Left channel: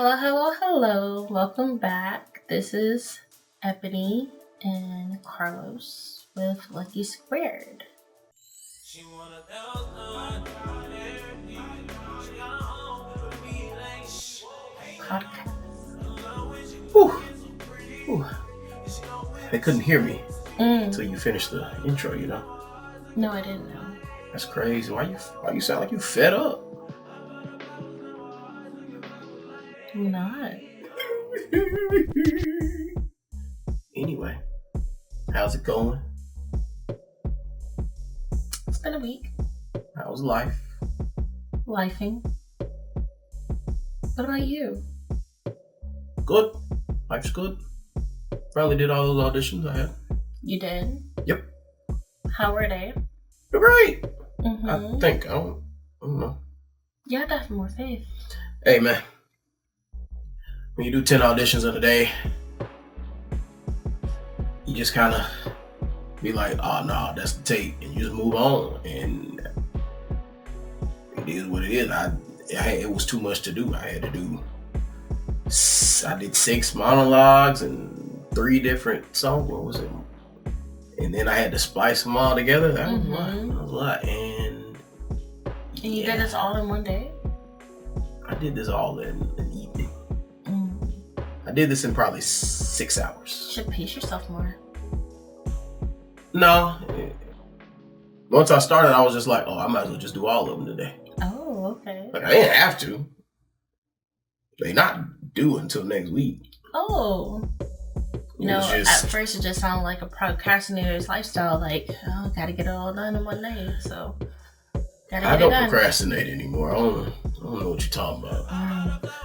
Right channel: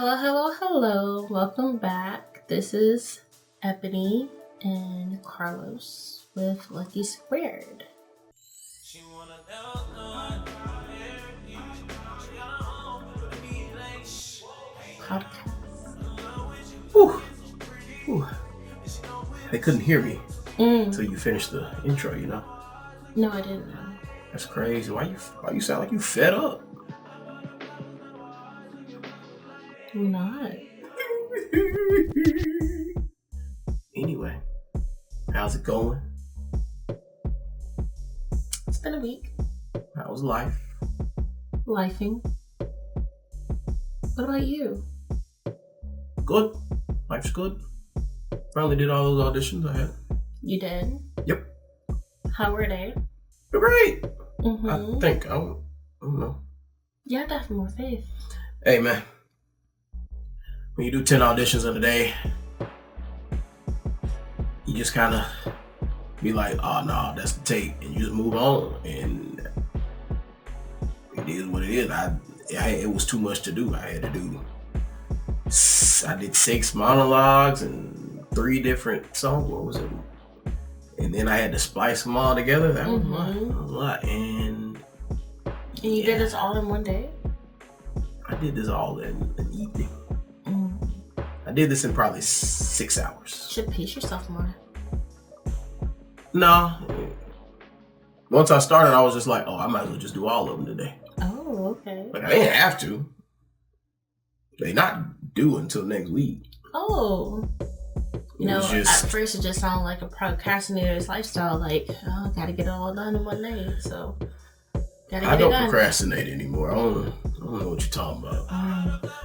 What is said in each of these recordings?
Hello, hello, hello. Welcome back. This is Ebony and Carlos with Lucky Squared podcast. Whew. Whew. They couldn't hear me Mm. until you finished the intro, you know? No, I didn't know. That's crazy. Why you sound like you fed up? I'm not. Anyway, how's it going? It's been a week. How's life? Lifing. What about you? Good. Life's good. Finally did all those auditions I had. You did? Yep. How were they? They're great. Mm-hmm. I think. I don't know. You have to have more faith. Hey, man. When you do 10 auditions in a day, you just kind of be like, oh, no, that's the tape. And you just move on. And it is what it is. It was too much to do. I did 6 monologues and 3 different songs. What was it? And then I had to splice them all together. That was a lot. And you did this all in one day? I did this all in an evening. I did this in probably 6 hours. You should pace yourself more. No. Once I started, I was just like, I might as well just do all of them today. Oh, okay. Like, I didn't have to. They not due until next week. Oh. At first it just sounded like a procrastinator's lifestyle. Like, gotta get it all done in one day. So, I don't procrastinate anymore. I don't know what you're talking about.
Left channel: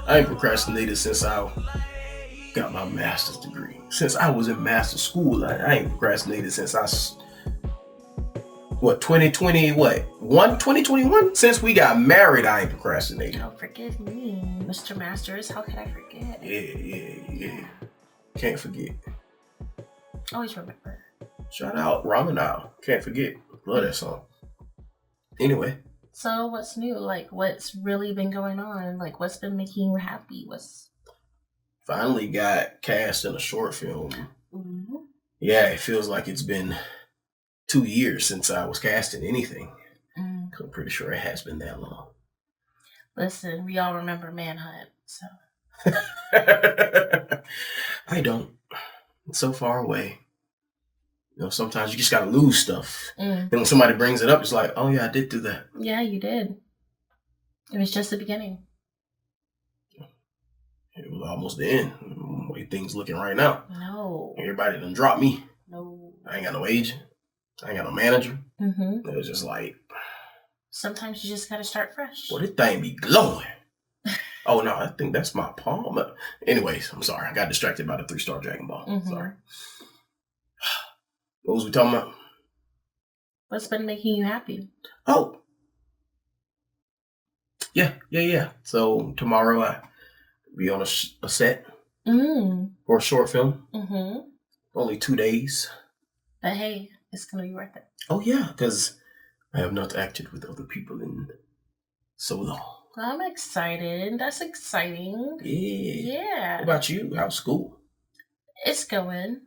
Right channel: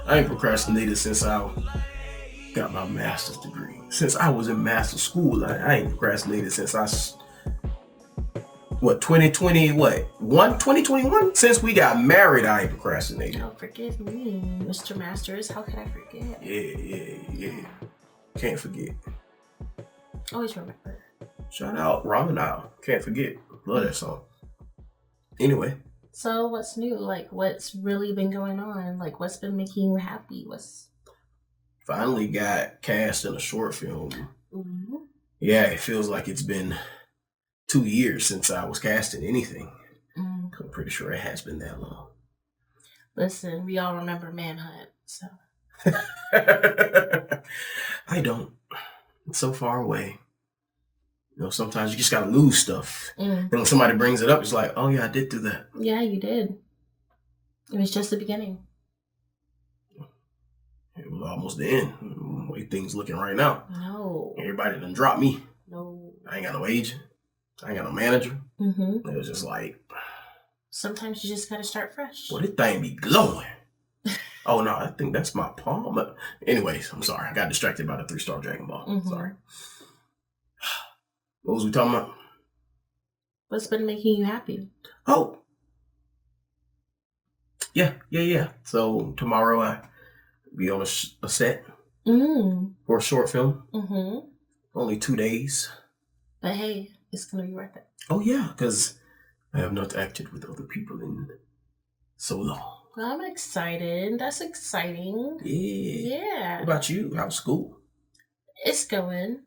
I ain't procrastinated since I got my master's degree. Since I was in master's school, I ain't procrastinated since 2021? Since we got married, I ain't procrastinated. Oh, forgive me, Mr. Masters. How could I forget? Yeah. Can't forget. Always remember. Shout out Ramanal. Can't forget. Love that song. Anyway. So what's new? Like, what's really been going on? Like, what's been making you happy? Finally got cast in a short film. Mm-hmm. Yeah, it feels like it's been 2 years since I was cast in anything. I'm pretty sure it has been that long. Listen, we all remember Manhunt, so. I don't. It's so far away. Sometimes you just gotta lose stuff. Then when somebody brings it up, it's like, oh yeah, I did do that. Yeah, you did. It was just the beginning. It was almost the end. The way things looking right now. No. Everybody done dropped me. No. I ain't got no agent. I ain't got no manager. Mm-hmm. It was just like. Sometimes you just gotta start fresh. Well, this thing be glowing. Oh no, I think that's my palm. Anyways, I'm sorry. I got distracted by the 3-star Dragon Ball. Sorry. What was we talking about? What's been making you happy? Oh. Yeah. So tomorrow I be on a set for a short film. Only 2 days. But hey, it's going to be worth it. Oh yeah, because I have not acted with other people in so long. Well, I'm excited. That's exciting. Yeah. What about you? How's school? It's going,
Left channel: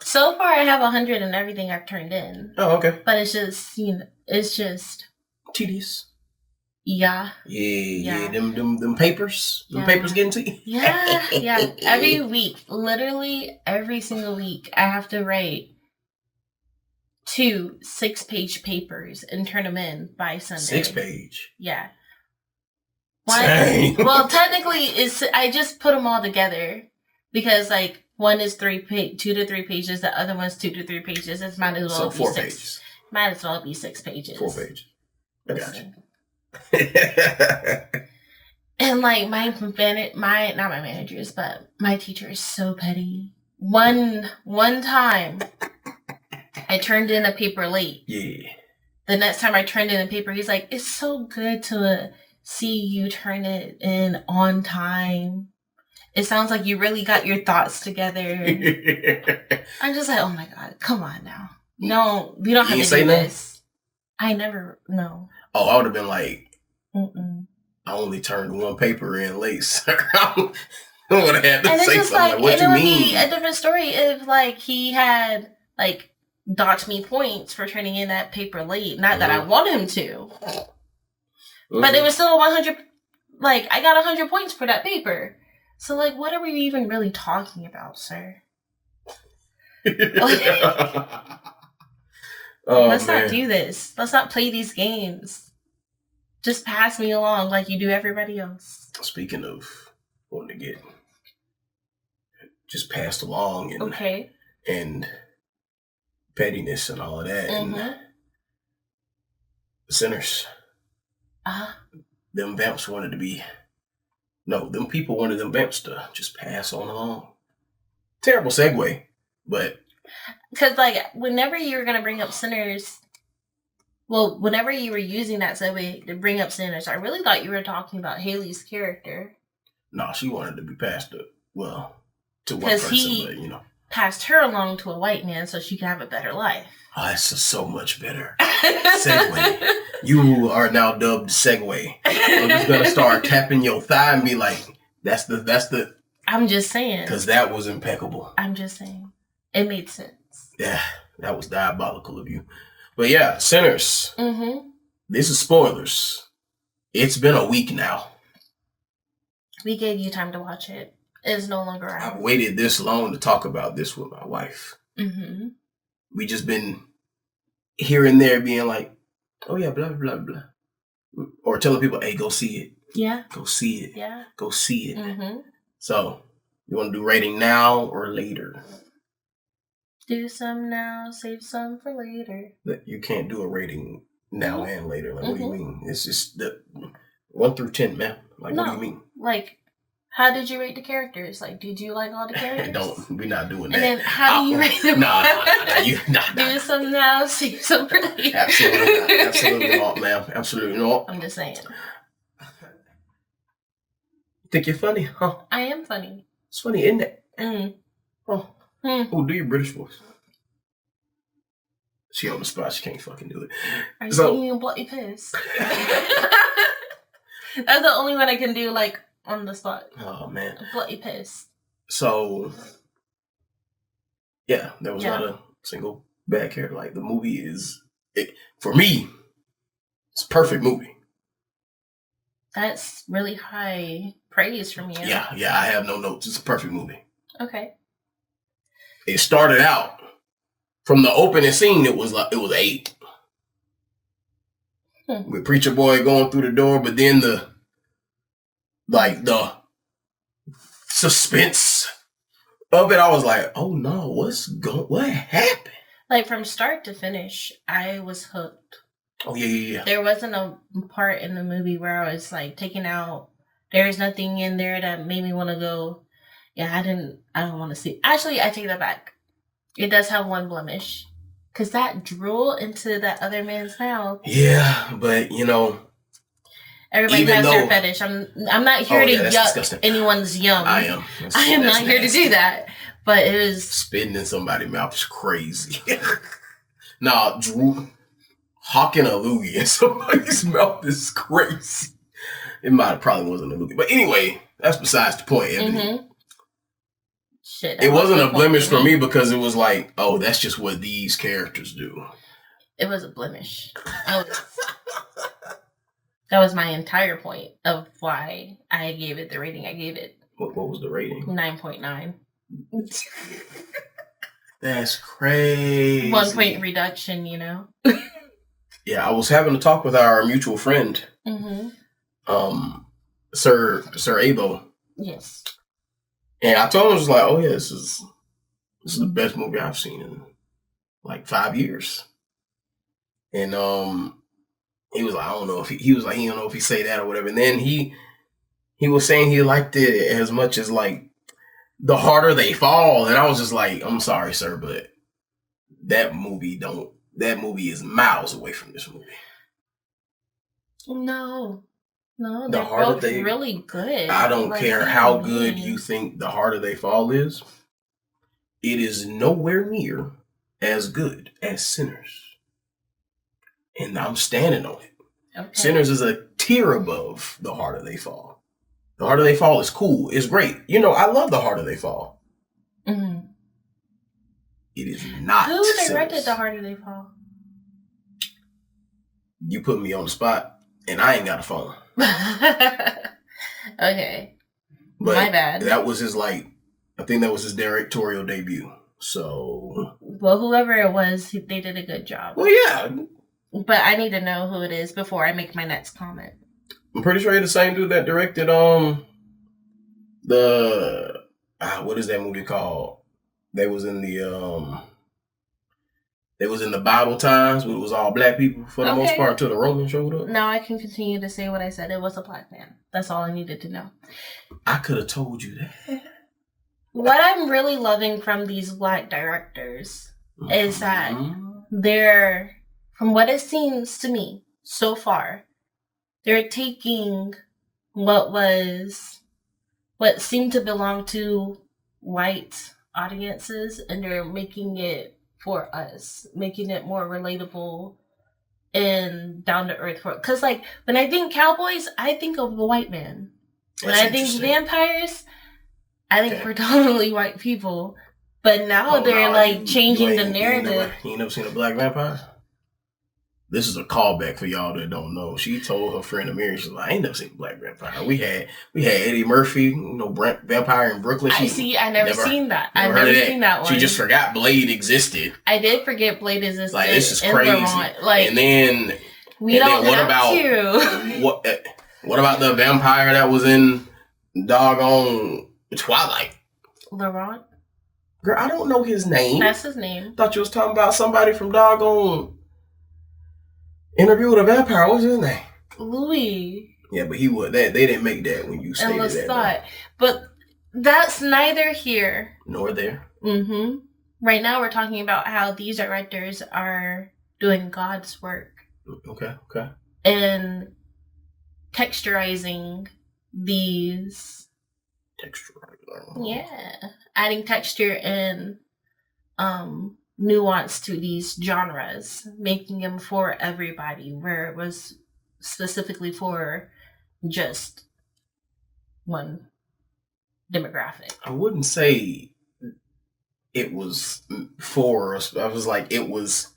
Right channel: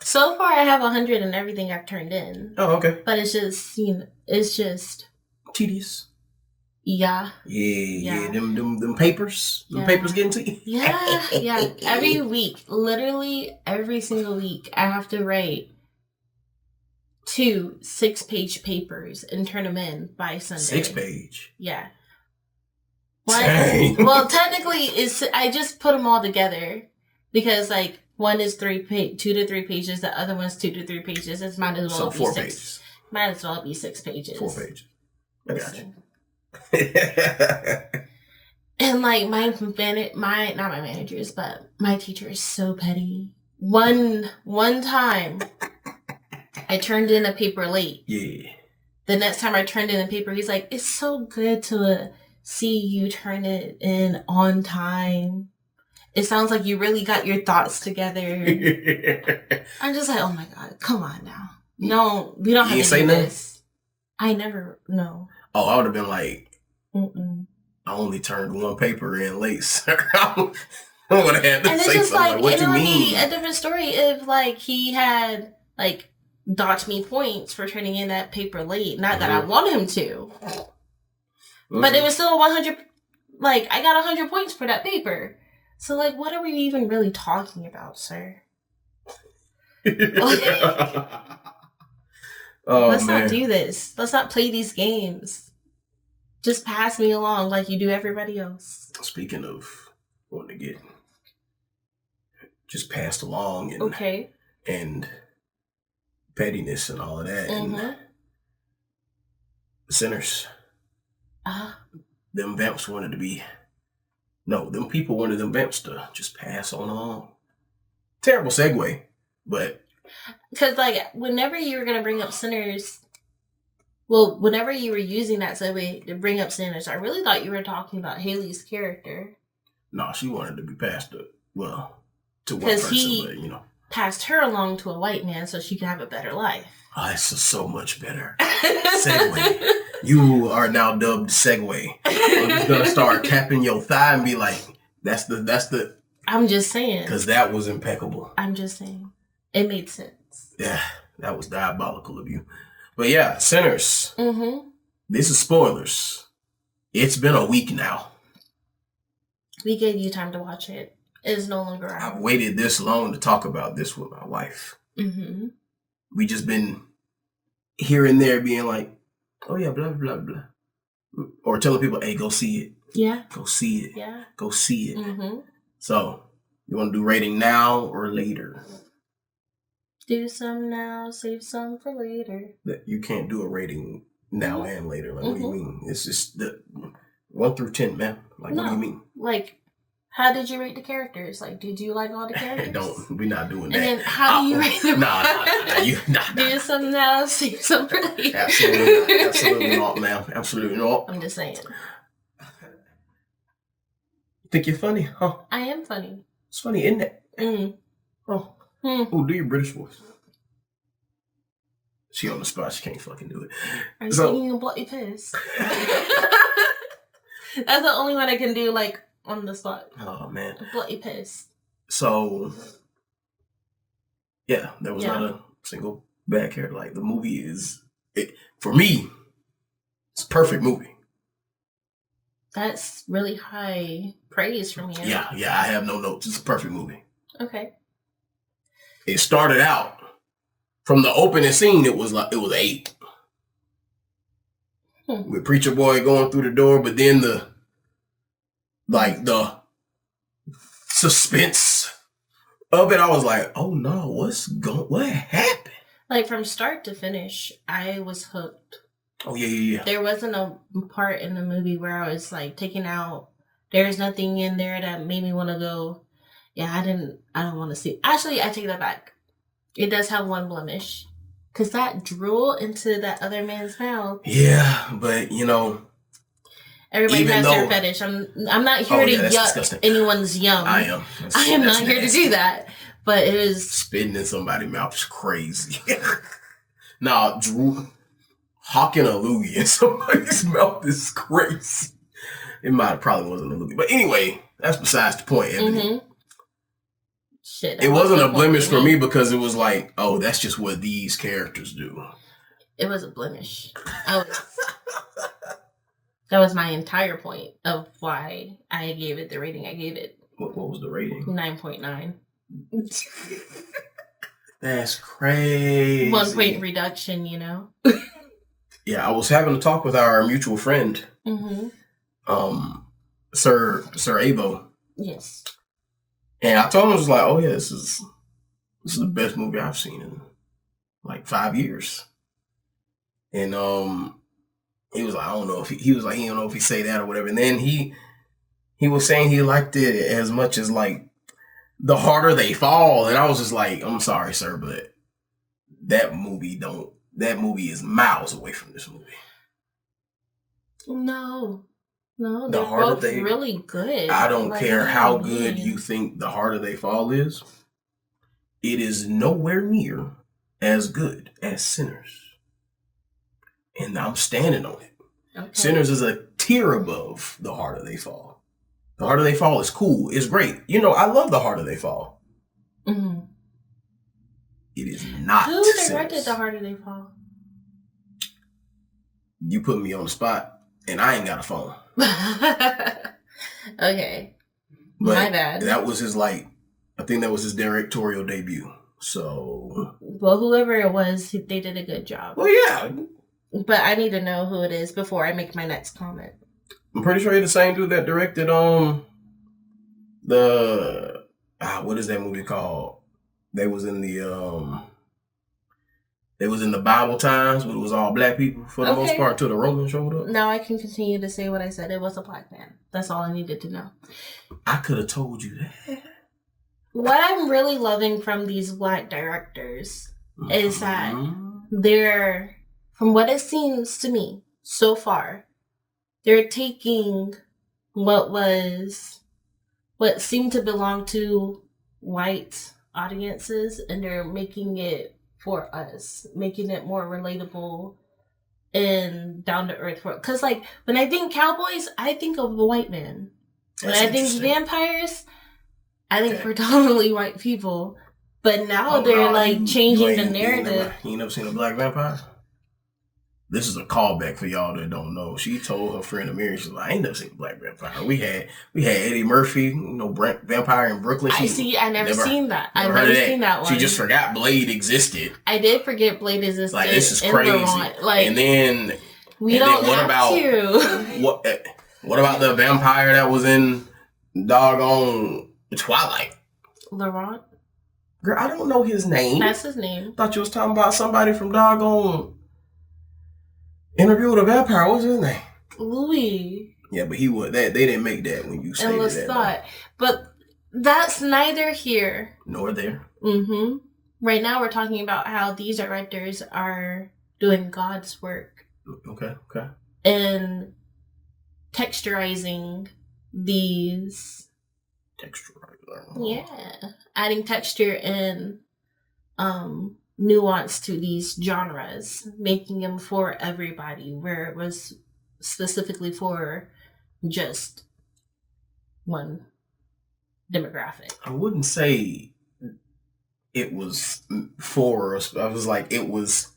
So far, I have 100 in everything I've turned in. Oh, okay. But it's just, it's just tedious. Yeah. Yeah. Them papers. Them papers getting to you. Yeah. Every week, literally every single week, I have to write 2 6-page papers and turn them in by Sunday. 6-page. Yeah. Dang. Well, technically, I just put them all together because one is 2 to 3 pages, the other one's 2 to 3 pages. It might as well be 4 6. pages. Might as well be 6 pages. 4 pages. I got you. And not my managers, but my teacher is so petty. One time, I turned in a paper late. Yeah. The next time I turned in a paper, he's like, "It's so good to see you turn it in on time. It sounds like you really got your thoughts together." I'm just like, oh my God, come on now. No, we don't have to do this. I never, no. Oh, I would have been like, I only turned one paper in late, sir. I would have had to and say it's something like, what and you it would mean? be a different story if like he had like docked me points for turning in that paper late. Not that I want him to, but it was still 100. Like I got 100 points for that paper. So like, what are we even really talking about, sir? Let's not do this. Let's not play these games. Just pass me along like you do everybody else. Speaking of wanting to get just passed along and pettiness and all of that and Sinners. Them vamps wanted to be them people wanted them vamps to just pass on along. Terrible segue, but because like whenever you were gonna bring up Sinners, well, whenever you were using that segue to bring up Sinners, I really thought you were talking about Haley's character. No, she wanted to be passed to one person, but passed her along to a white man so she could have a better life. Oh, that's so much better. Segue. You are now dubbed Segue. I'm just gonna start tapping your thigh and be like, that's the. I'm just saying. Because that was impeccable. I'm just saying. It made sense. Yeah, that was diabolical of you. But yeah, Sinners. This is spoilers. It's been a week now. We gave you time to watch it. It is no longer out. I've waited this long to talk about this with my wife. We just been here and there being like, oh yeah, blah, blah, blah. Or telling people, hey, go see it. Yeah. Go see it. Yeah. Go see it. So, you want to do rating now or later? Do some now, save some for later. You can't do a rating now and later. Like, what do you mean? It's just the 1 through 10, man. Like, what do you mean? Like, how did you rate the characters? Like, did you like all the characters? We're not doing that. And then how do you rate them? Nah. Do some now, save some for later. Absolutely not, ma'am. Absolutely not. I'm just saying. Think you're funny, huh? I am funny. It's funny, isn't it? Oh, do your British voice. She on the spot. She can't fucking do it. Are you singing a bloody piss? That's the only one I can do, like, on the spot. Oh, man. A bloody piss. So, yeah, there was not a single bad character. Like, the movie is, for me, it's a perfect movie. That's really high praise from you. Yeah, I have no notes. It's a perfect movie. Okay. It started out from the opening scene. It was 8. With Preacher Boy going through the door, but then the suspense of it, I was like, oh no, what happened? Like from start to finish, I was hooked. Oh yeah. There wasn't a part in the movie where I was like taken out. There was nothing in there that made me want to go, yeah, I don't want to see. Actually, I take that back. It does have one blemish. Because that drool into that other man's mouth. Yeah, but everybody has their fetish. I'm not here to yuck disgusting. Anyone's yum. I am. I am not here to do that. But it was spitting in somebody's mouth is crazy. Nah, drool, hawking a loogie in somebody's mouth is crazy. It probably wasn't a loogie, but anyway, that's besides the point. Shit, it wasn't a blemish for me because it was like, oh, that's just what these characters do. It was a blemish. That was my entire point of why I gave it the rating I gave it. What was the rating? 9.9. That's crazy. 1 point reduction, Yeah, I was having a talk with our mutual friend, Sir Avo. Yes. And I told him, I was like, oh yeah, this is the best movie I've seen in like 5 years. And he was like, I don't know if he was like, he don't know if he say that or whatever. And then he was saying he liked it as much as like The Harder They Fall. And I was just like, I'm sorry, sir, but that movie is miles away from this movie. No, they're both really good. I don't care how good you think The Harder They Fall is. It is nowhere near as good as Sinners. And I'm standing on it. Okay. Sinners is a tier above The Harder They Fall. The Harder They Fall is cool. It's great. You know, I love The Harder They Fall. Mm-hmm. It is not. Who directed Sinners. The Harder They Fall? You put me on the spot, and I ain't got a phone. Okay. But my bad. That was his, I think that was his directorial debut. So. Well, whoever it was, they did a good job. Well, yeah. But I need to know who it is before I make my next comment. I'm pretty sure you're the same dude that directed, what is that movie called? They was in the Bible times when it was all black people for the most part till the Romans showed up. Now I can continue to say what I said. It was a black man. That's all I needed to know. I could have told you that. What I'm really loving from these black directors is that they're, from what it seems to me so far, they're taking what seemed to belong to white audiences and they're making it for us, making it more relatable and down to earth. Because, when I think cowboys, I think of a white man. When I think vampires, I think predominantly white people. But now they're changing the narrative. You never seen a black vampire? This is a callback for y'all that don't know. She told her friend Amiri, she's like, I ain't never seen a black vampire. We had Eddie Murphy, vampire in Brooklyn. I never seen that. I've never seen that one. She just forgot Blade existed. I did forget Blade existed. This is crazy. And then what about the vampire that was in doggone Twilight? Laurent? Girl, I don't know his name. That's his name. Thought you was talking about somebody from doggone Interview with a Vampire. What's his name? Louis. Yeah, but he would. They didn't make that when you stated that. Lestat. But that's neither here nor there. Mm-hmm. Right now, we're talking about how these directors are doing God's work. Okay. And texturizing these. Yeah, adding texture and nuance to these genres, making them for everybody, where it was specifically for just one demographic. I wouldn't say it was for us. I was like, it was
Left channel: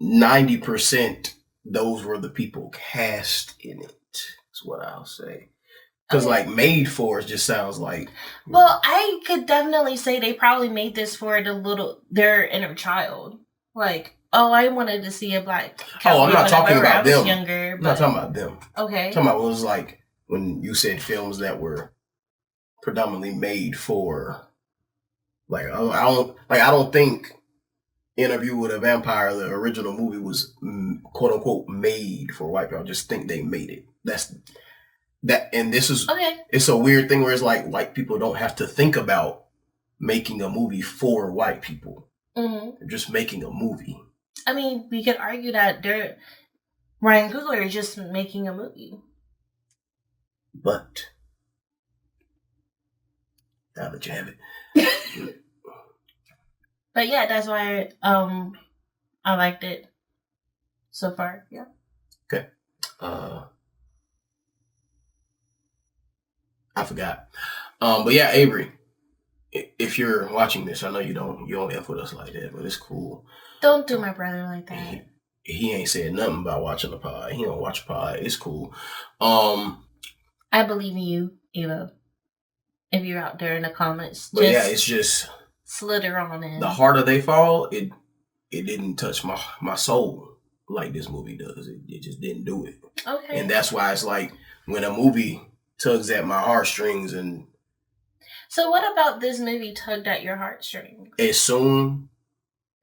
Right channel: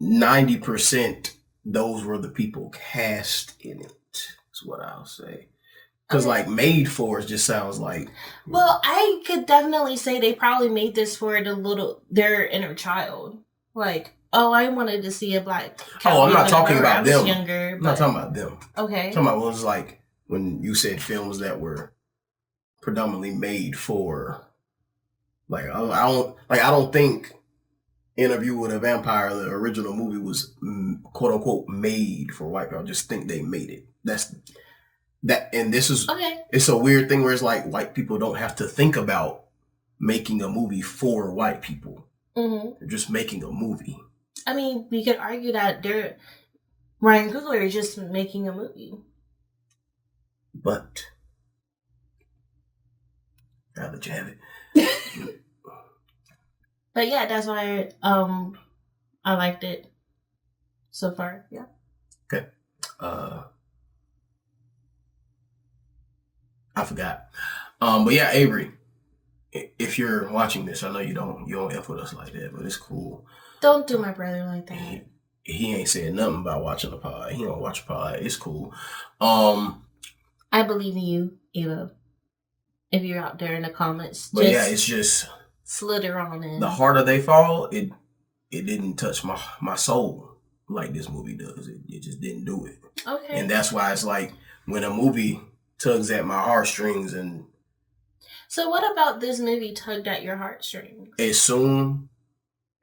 90%. Those were the people cast in it. Is what I'll say. Because made for it just sounds like. Well, I could definitely say they probably made this for their inner child. I wanted to see a black cowboy. I'm not talking about them. Younger, I'm not talking about them. Okay. I'm talking about what it was like when you said films that were predominantly made for. I don't think Interview with a Vampire, the original movie, was quote unquote made for white people. I just think they made it. And this is It's a weird thing where it's like white people don't have to think about making a movie for white people. Mm-hmm. They're just making a movie. I mean, we could argue that Ryan Coogler is just making a movie. But now that you have it. But yeah, that's why I liked it so far. Yeah. Okay. I forgot. But yeah, Avery, if you're watching this, I know you don't F with us like that, but it's cool. Don't do my brother like that. He ain't said nothing about watching the pod. He don't watch a pod. It's cool. I believe in you, Eva. If you're out there in the comments. But yeah, it's just slither on in. The Harder They Fall, it didn't touch my soul like this movie does. It just didn't do it. Okay. And that's why it's like when a movie tugs at my heartstrings. And so what about this movie tugged at your heartstrings? As soon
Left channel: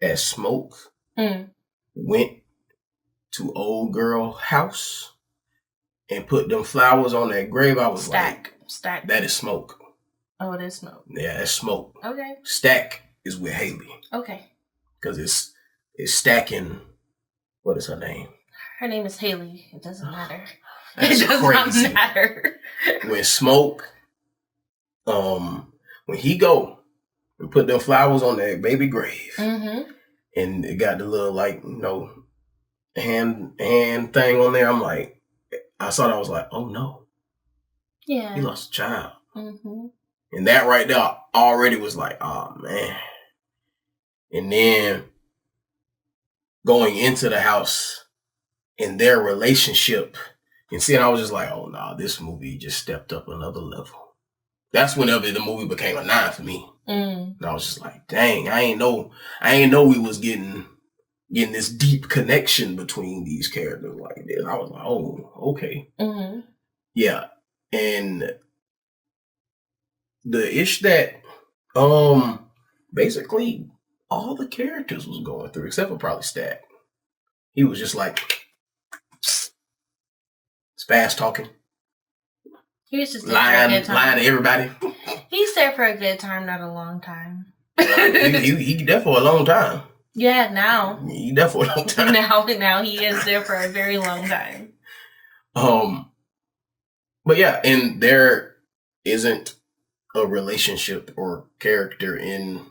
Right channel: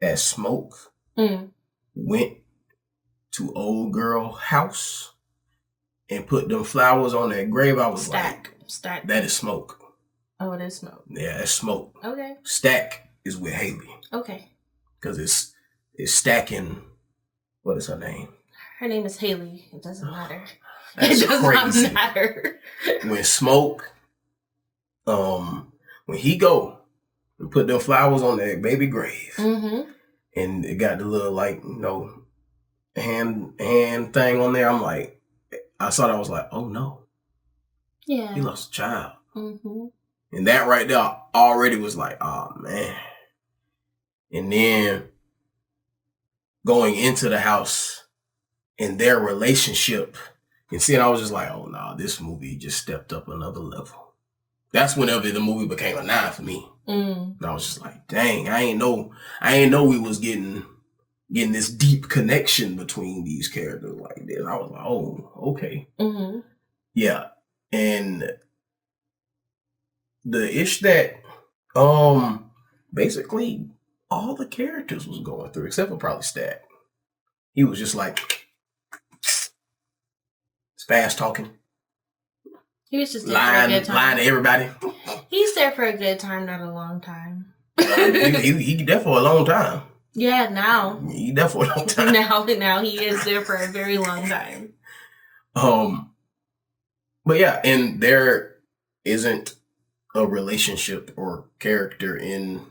as Smoke went to old girl house and put them flowers on that grave, I was Stack. That is Smoke. Oh, it is Smoke. Yeah, it's Smoke. Okay. Stack is with Haley. Okay. Because it's stacking. What is her name? Her name is Haley. It doesn't matter. That's crazy. Not matter. When Smoke, when he go and put them flowers on that baby grave, mm-hmm. and it got the little hand thing on there. I'm like, I saw that. I was like, oh no. Yeah. He lost a child. Mm-hmm. And that right there already was like, oh man. And then going into the house and their relationship and seeing, I was just like, oh no, this movie just stepped up another level. That's whenever the movie became a 9 for me. And I was just like, dang, I ain't know we was getting this deep connection between these characters like this. I was like, oh, okay. Mm-hmm. Yeah. And the ish that basically all the characters was going through, except for probably Stack. He was just like fast talking. He was just there for a good time. Lying to everybody. He's there for a good time, not a long time. he there for a long time. Yeah, now. He there for a long time. Now he is there for a very long time. But yeah, and there isn't a relationship or character in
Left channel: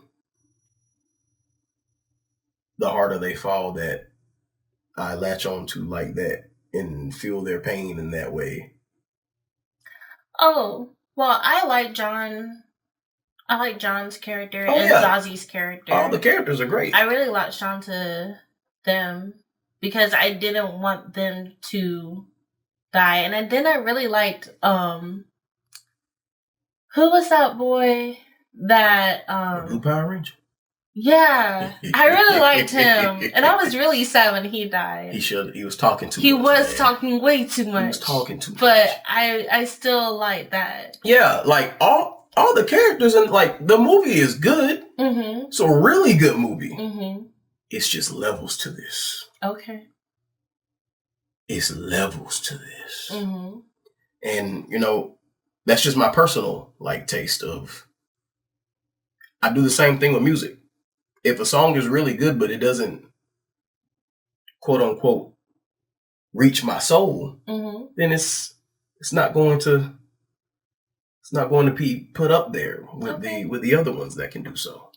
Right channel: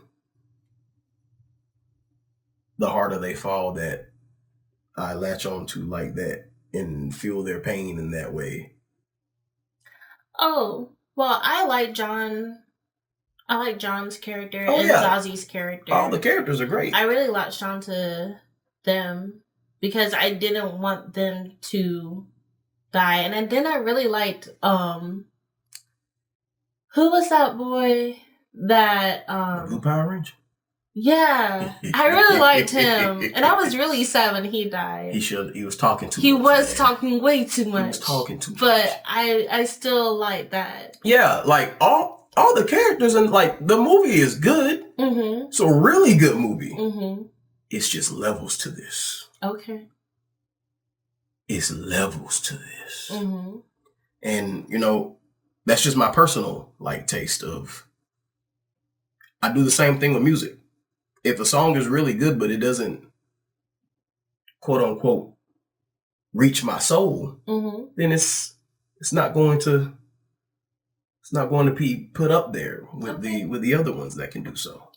The Harder They Fall that I latch on to like that and feel their pain in that way. Oh, well, I like John's character and Zazi's character. All the characters are great. I really latched on to them because I didn't want them to die. And then I really liked, who was that boy that, the Blue Power Ranger? Yeah, I really liked him. And I was really sad when he died. He was talking too much. He was talking way too much. He was talking too much. But I still like that. Yeah, like all the characters and like the movie is good. Mm-hmm. It's a really good movie. Mm-hmm. It's just levels to this. Okay. It's levels to this. Mm-hmm. And, that's just my personal like taste of. I do the same thing with music. If a song is really good, but it doesn't, quote unquote, reach my soul, mm-hmm. then it's not going to be put up there with the other ones that can do so.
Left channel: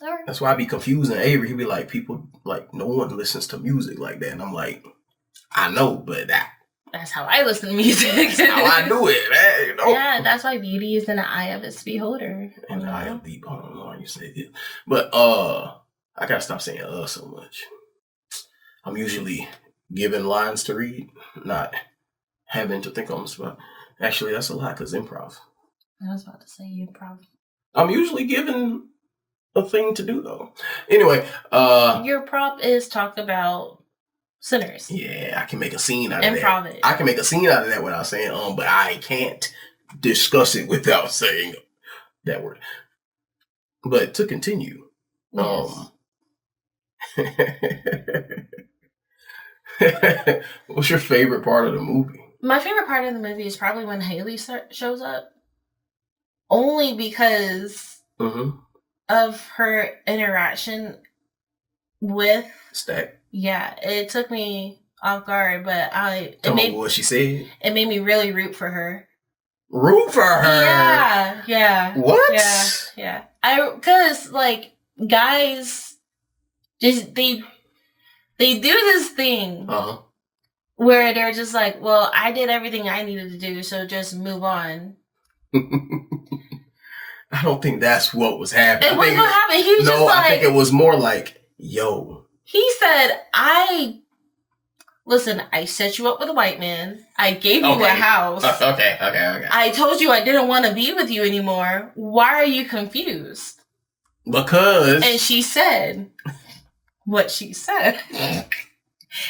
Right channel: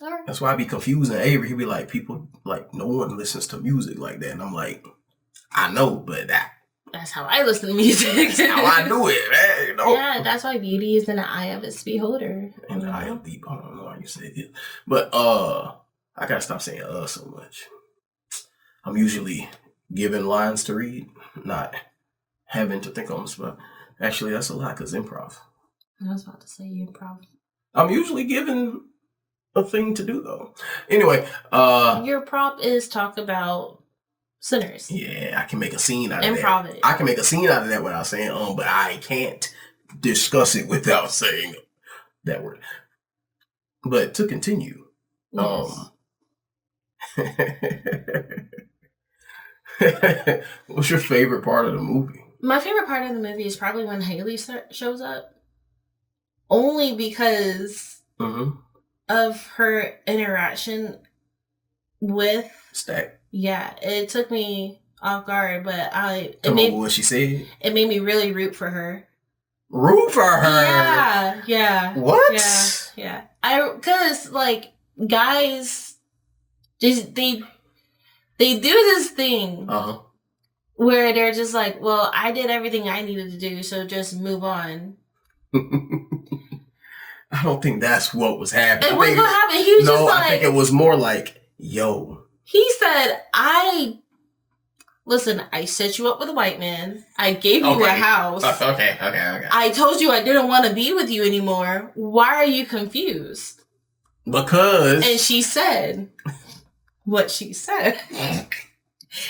All right. That's why I be confusing Avery. He be like, people like no one listens to music like that, and I'm like, I know, but that's how I listen to music. That's how I do it, man. Yeah, that's why beauty is in the eye of its beholder. In the eye of the I don't know how you say it. But I gotta stop saying so much. I'm usually given lines to read, not having to think on the spot. Actually, that's a lot because improv. I was about to say improv. I'm usually given a thing to do though. Anyway, your prop is talk about Sinners. Yeah, I can make a scene out of Improv that. It. I can make a scene out of that without saying but I can't discuss it without saying that word. But to continue, yes. What's your favorite part of the movie? My favorite part of the movie is probably when Haley shows up. Only because of her interaction with Stack. Yeah, it took me off guard, but what she said? It made me really root for her. Root for her? Yeah. What? Yeah. Because like guys, just they do this thing where they're just like, well, I did everything I needed to do, so just move on. I don't think that's what was happening. It was what happened. He was just like, I think it was more like, yo. He said, I set you up with a white man. I gave you a house. Okay. I told you I didn't want to be with you anymore. Why are you confused? Because. And she said what she said.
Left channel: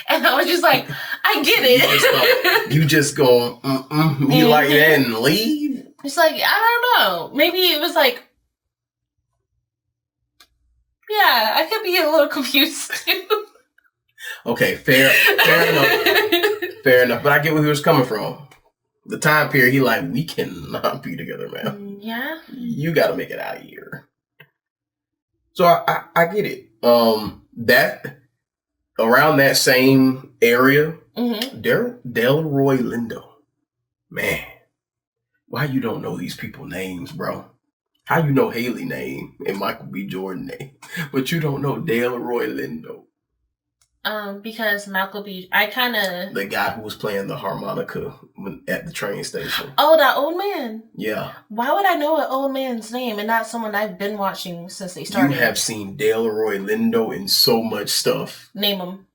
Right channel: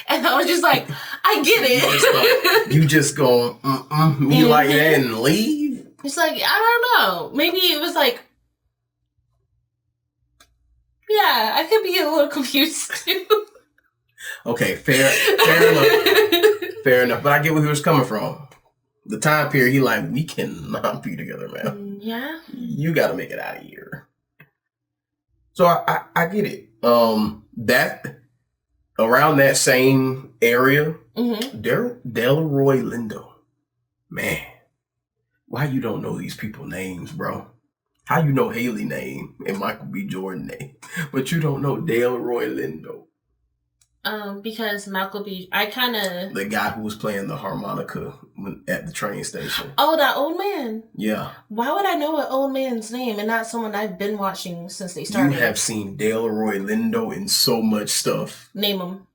And I was just like, I get it. You just go, you like that and leave? It's like, I don't know. Maybe it was like, yeah, I could be a little confused too. Okay, fair enough. Fair enough. But I get where he was coming from. The time period, he like, we cannot be together, man. Yeah. You got to make it out of here. So I get it. That around that same area, Delroy Lindo, man, why you don't know these people names, bro? How you know Haley name and Michael B. Jordan name, but you don't know Delroy Lindo? Because Malcolm B. I kind of the guy who was playing the harmonica at the train station. Oh, that old man. Yeah. Why would I know an old man's name and not someone I've been watching since they started? You have seen Delroy Lindo in so much stuff. Name him.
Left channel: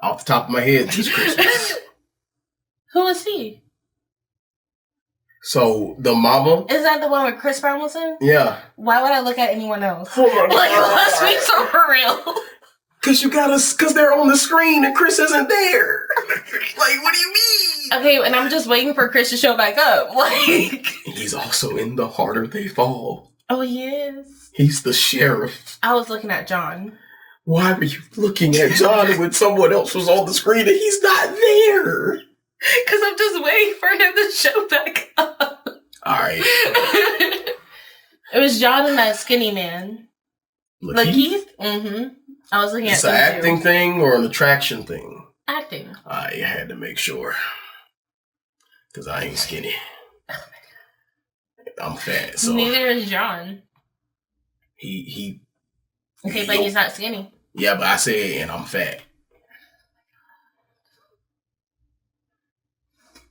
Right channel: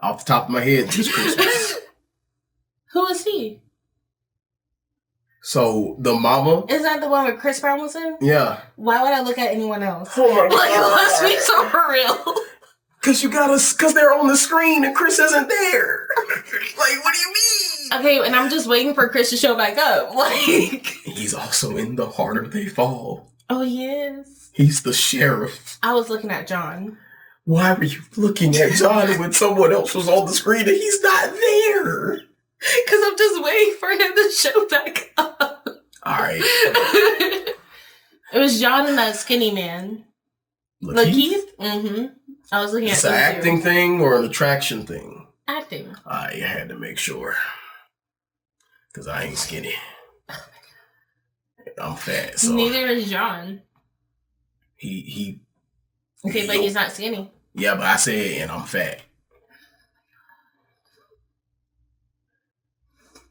Off the top of my head, this Christmas. Who is he? So the mama. Is that the one with Chris Brown was in? Yeah. Why would I look at anyone else? Oh my God. Like, let's be so for real. Cause they're on the screen and Chris isn't there. Like, what do you mean? Okay, and I'm just waiting for Chris to show back up. Like, he's also in The Harder They Fall. Oh, he is. He's the sheriff. I was looking at John. Why were you looking at John when someone else was on the screen and he's not there? Because I'm just waiting for him to show back up. All right. It was John and that skinny man. Luckie? Mm-hmm. I was looking at it's an acting thing or an attraction thing? Acting. I had to make sure. Because I ain't skinny. I'm fat. So neither is John. He Okay, but he's not skinny. Yeah, but I said, and I'm fat.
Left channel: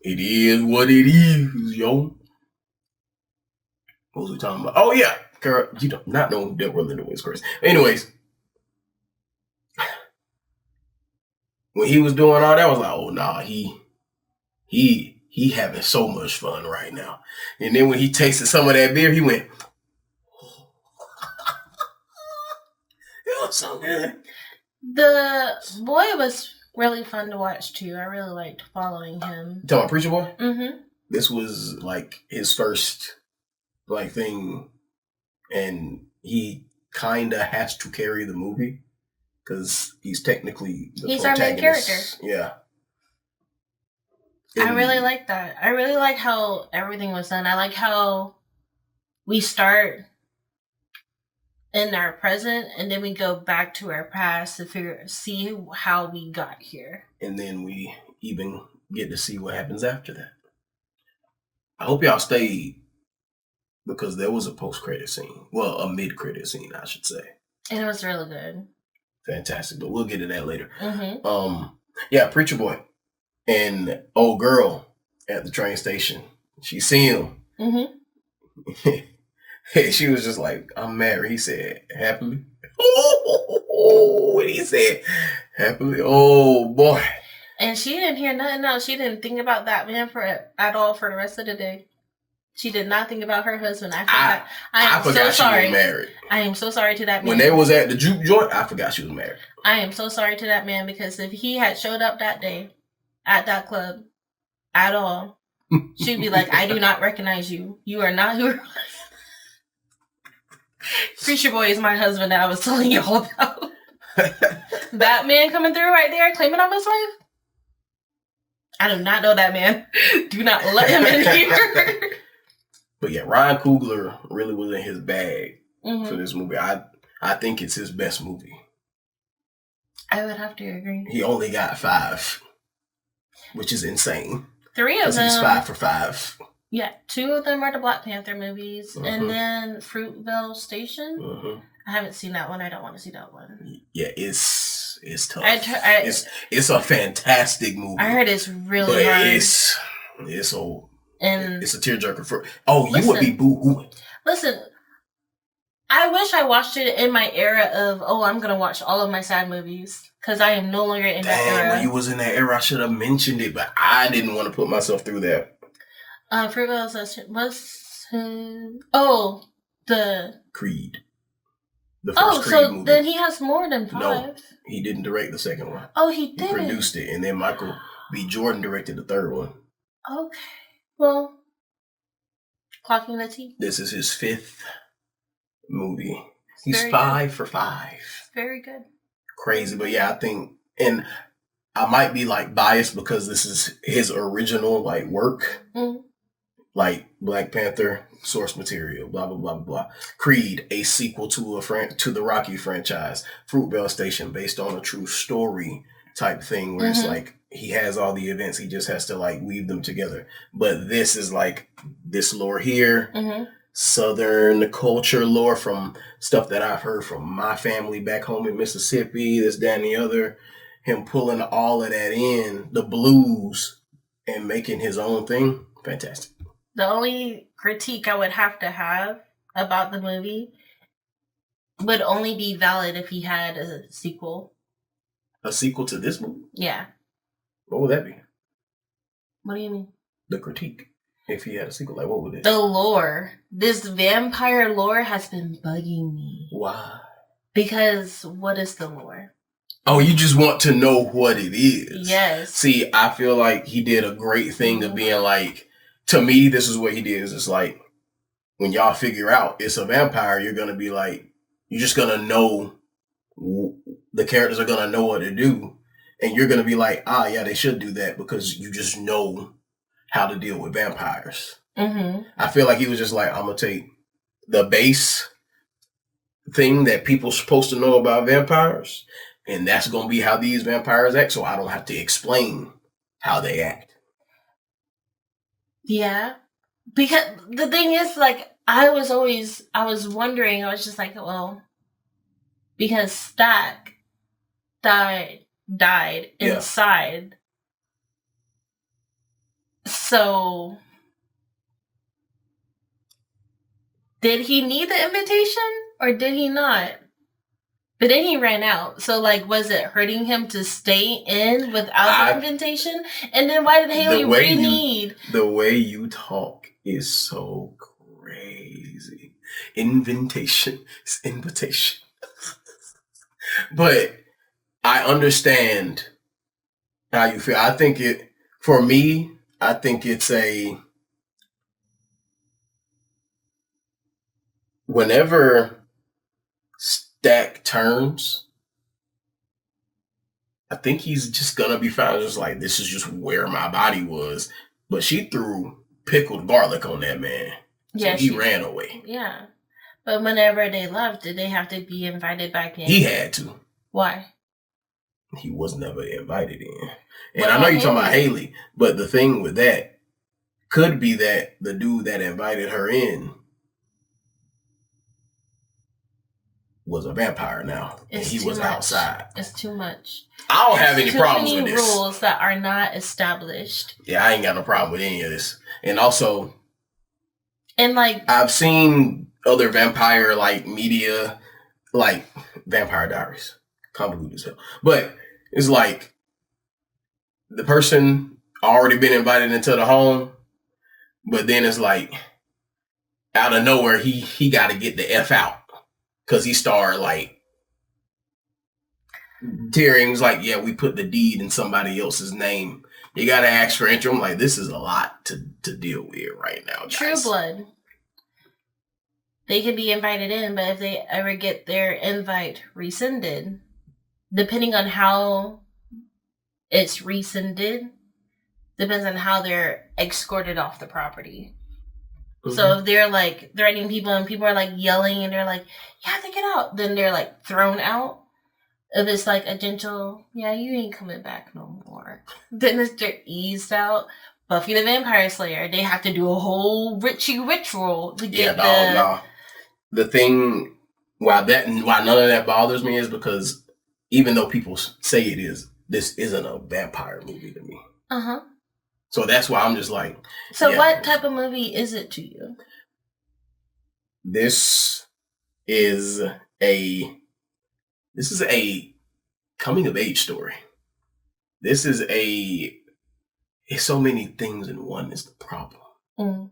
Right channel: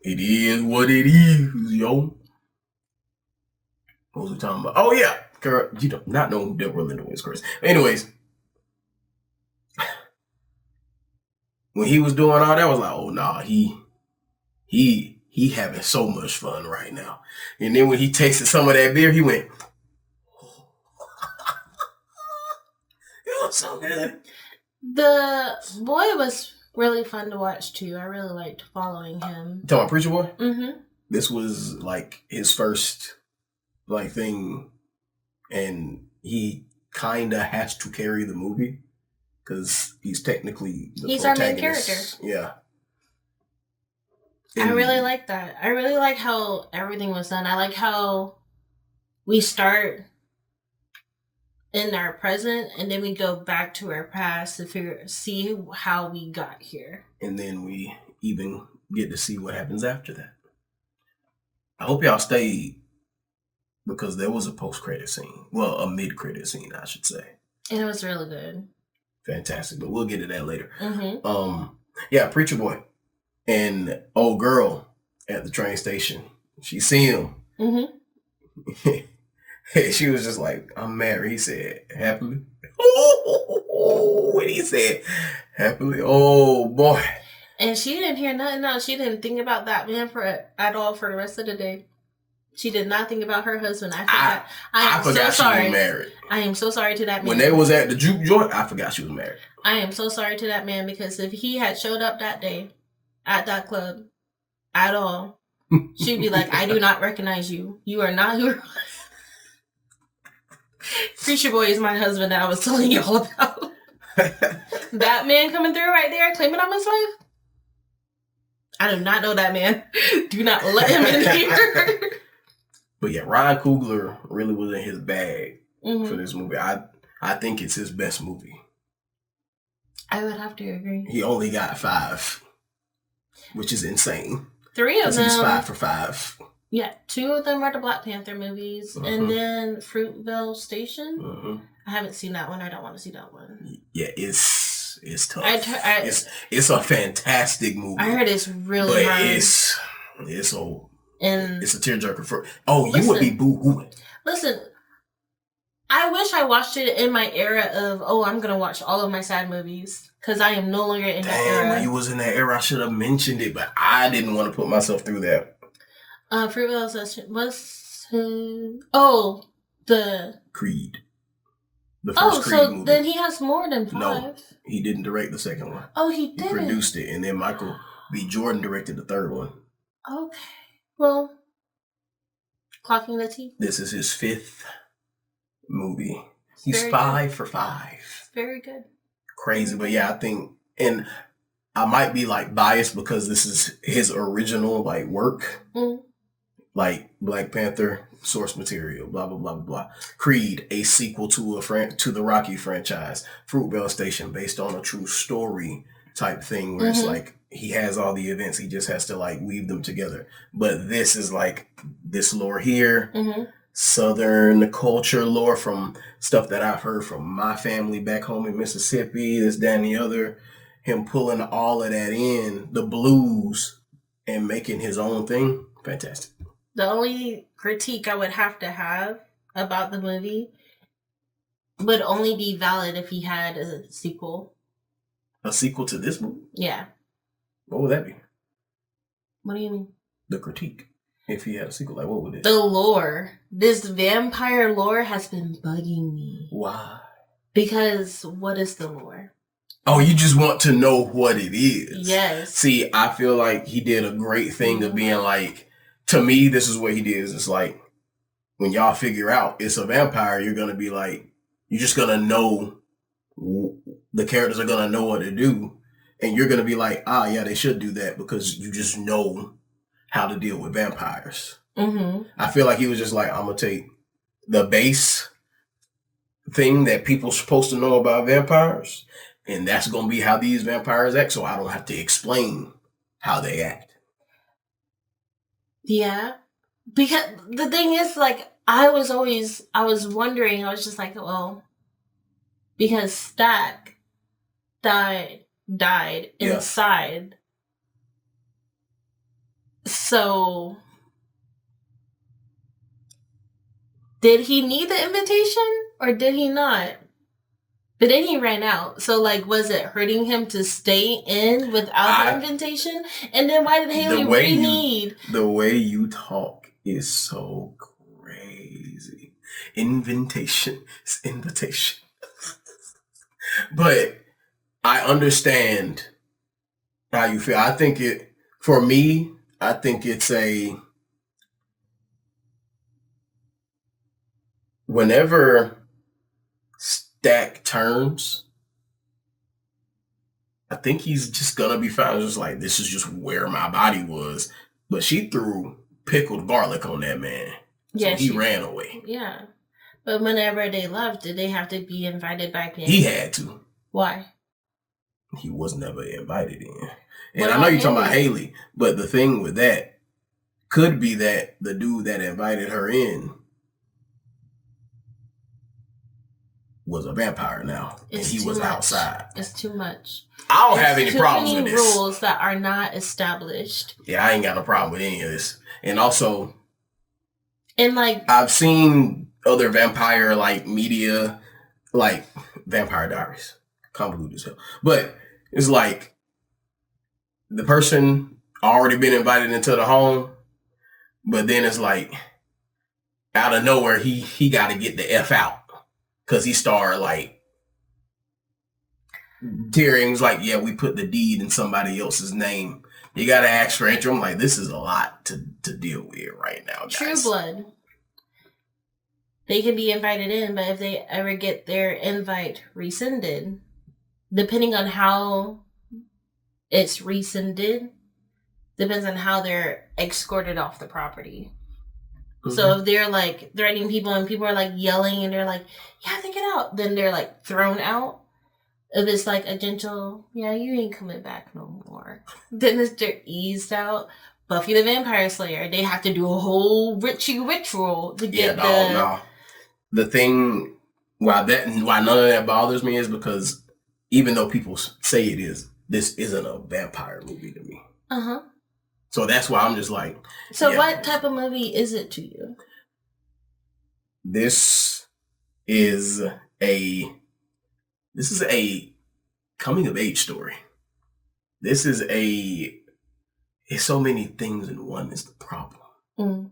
It is what it is, yo. What was we talking about? Oh, yeah. Girl, you do not know who Delroy Lindo is, Chris. Anyways. When he was doing all that, I was like, oh, nah, he having so much fun right now. And then when he tasted some of that beer, he went, it was so good. The boy was really fun to watch, too. I really liked following him. You talking about Preacher Boy? Mm-hmm. This was, like, his first, like, thing. And he kind of has to carry the movie. Because he's technically the He's our main character. Yeah. I really like that. I really like how everything was done. I like how we start in our present and then we go back to our past to see how we got here. And then we even get to see what happens after that. I hope y'all stayed because there was a post-credit scene. Well, a mid-credit scene, I should say. And it was really good. Fantastic, but we'll get to that later. Mm-hmm. Yeah, Preacher Boy and old girl at the train station. She seen him. Mm-hmm. She was just like, "I'm married." He said, "Happily." When he said, "Happily," oh boy. And she didn't hear nothing else. She didn't think about that man at all for the rest of the day. She did not think about her husband. I am so sorry. She was married. I am so sorry to that man. When they was at the juke joint, I forgot she was married. I am so sorry to that man because if he had showed up that day at that club at all, she'd be like, "I do not recognize you. You are not who." Preacher Boy is my husband that I was telling you all about. That man coming through right there claiming I'm his wife. I do not know that man. Do not let him in here. But yeah, Ryan Coogler really was in his bag for this movie. I think it's his best movie. I would have to agree. He only got 5, which is insane. 3 of them. He's 5 for 5. Yeah, 2 of them are the Black Panther movies, and then Fruitvale Station. I haven't seen that one. I don't want to see that one. Yeah, it's tough. It's a fantastic movie. I heard it's really hard. It's old. And it's a tearjerker for. You would be boo-hooing. Listen, I wish I watched it in my era of I'm gonna watch all of my sad movies because I am no longer in that era. When you was in that era, I should have mentioned it, but I didn't want to put myself through that. Fruitvale Station was the Creed. The first Creed movie. Then he has more than 5. No, he didn't direct the second one. Oh, he did. He produced it, and then Michael B. Jordan directed the third one. Okay. Well, clocking the T. This is his 5th movie. He's 5 for 5. Very good. Crazy, but yeah, I think, and I might be like biased because this is his original like work, like Black Panther, source material, blah blah blah blah blah. Creed, a sequel to the Rocky franchise. Fruitvale Station, based on a true story type thing, where it's like. He has all the events. He just has to like weave them together. But this is like this lore here. Southern culture lore from stuff that I've heard from my family back home in Mississippi, this, that, and the other. Him pulling all of that in, the blues, and making his own thing. Fantastic. The only critique I would have to have about the movie would only be valid if he had a sequel. A sequel to this movie? Yeah. What would that be? What do you mean? The critique. If he had a sequel, like what would it? The lore. This vampire lore has been bugging me. Why? Because what is the lore? Oh, you just want to know what it is. Yes. See, I feel like he did a great thing of being like, to me, this is what he did. Is it's like, when y'all figure out it's a vampire, you're going to be like, you're just going to know, the characters are going to know what to do. And you're going to be like, yeah, they should do that because you just know how to deal with vampires. Mm-hmm. I feel like he was just like, I'm going to take the base thing that people supposed to know about vampires, and that's going to be how these vampires act, so I don't have to explain how they act. Yeah. Because the thing is, like, I was wondering, I was just like, well, because Stack died inside. So, did he need the invitation or did he not? But then he ran out. So, like, was it hurting him to stay in without the invitation? And then why did Haley need? The way you talk is so crazy. Invitation is invitation. But I understand how you feel. I think for me, I think it's whenever Stack turns, I think he's just gonna be fine. Just like, this is just where my body was. But she threw pickled garlic on that man. Yeah, so he ran away. Yeah. But whenever they left, did they have to be invited back in? He had to. Why? He was never invited in. And I know you're talking about Haley, but the thing with that could be that the dude that invited her in was a vampire now, and he was outside. It's too much. I don't have any problems with this. Rules that are not established. Yeah, I ain't got no problem with any of this. And also, like, I've seen other vampire like media, like Vampire Diaries, convoluted as hell. But it's like the person already been invited into the home, but then it's like out of nowhere he got to get the F out because he started like tearing. He's like, yeah, we put the deed in somebody else's name. You got to ask for entry. I'm like, this is a lot to deal with right now, guys. True blood. They can be invited in, but if they ever get their invite rescinded, depending on how it's rescinded, depends on how they're escorted off the property. Mm-hmm. So if they're like threatening people and people are like yelling and they're like, yeah, they get out, then they're like thrown out. If it's like a gentle, yeah, you ain't coming back no more, then they're eased out. Buffy the Vampire Slayer, they have to do a whole ritual to get The thing why none of that bothers me is because even though people say it is, this isn't a vampire movie to me. Uh-huh. So that's why I'm just like. So what type of movie is it to you? This is a coming of age story. It's so many things in one is the problem. Mm.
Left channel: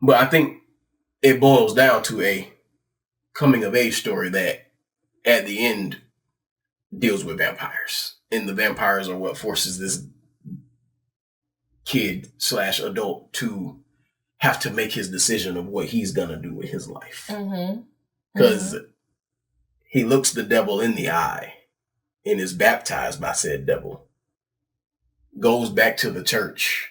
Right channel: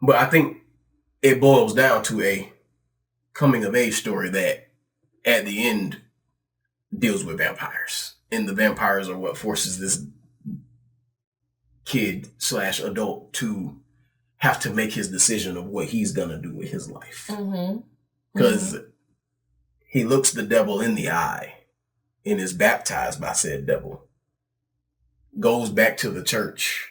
But I think it boils down to a coming of age story that at the end deals with vampires. And the vampires are what forces this kid / adult to have to make his decision of what he's going to do with his life. Because he looks the devil in the eye and is baptized by said devil. Goes back to the church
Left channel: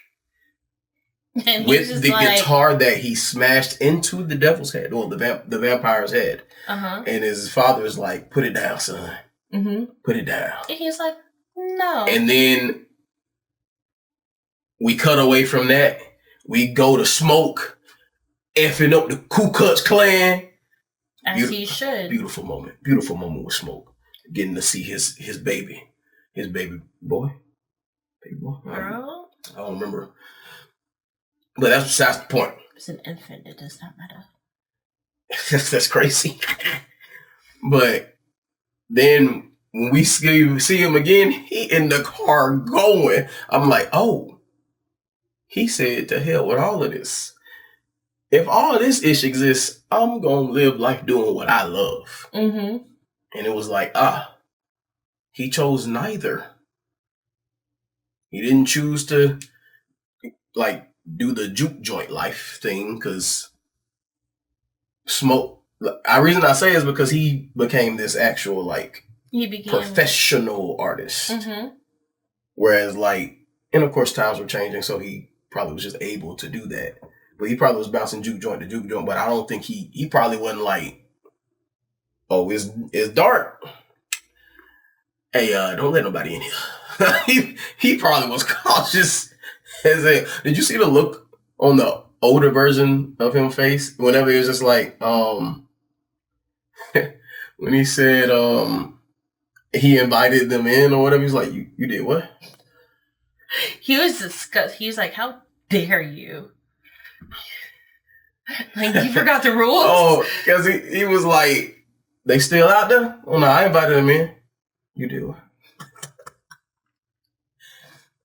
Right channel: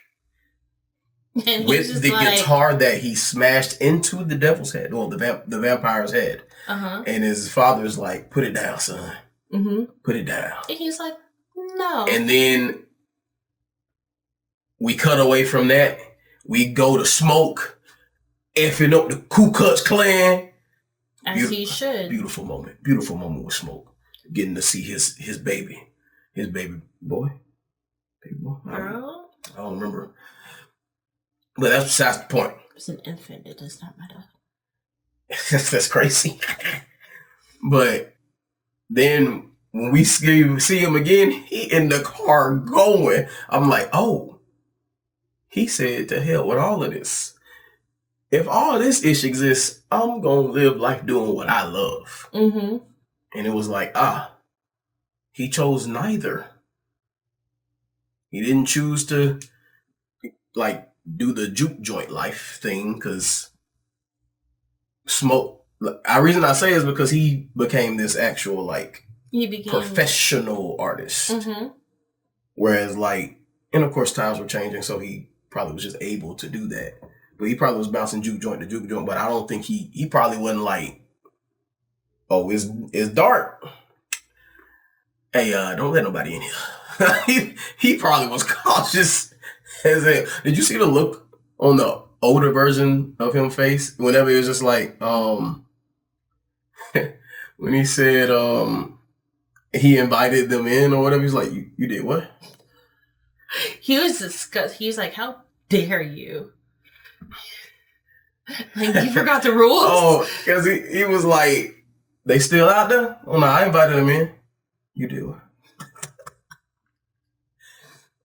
and with the guitar that he smashed into the devil's head, or the vampire's head. And his father's like, put it down, son. Put it down. And he's like, no. And then we cut away from that. We go to smoke. effing up the Ku Klux Klan. As he should. Beautiful moment with Smoke. Getting to see his baby boy. Girl? I don't remember. But that's besides the point. It's an infant. It does not matter. That's crazy. But then when we see him again, he in the car going. I'm like, oh, he said to hell with all of this. If all of this ish exists, I'm going to live life doing what I love. Mm-hmm. And it was like, he chose neither. He didn't choose to, like, do the juke joint life thing because Smoke. The reason I say is because he became this actual, like, professional artist. Mm-hmm. Whereas, like, and of course times were changing, so he probably was just able to do that. But he probably was bouncing juke joint to juke joint, but I don't think he probably wasn't like, oh, it's dark. Hey, don't let nobody in here. he probably was cautious as a. Did you see the look on the older version of him face whenever he was just like, when he said he invited them in or whatever, he's like, you did what? He was disgusted. He was like, how dare you? Like, you forgot the rules? Oh, because he was like, they still out there? Oh, no, I invited them in. You do.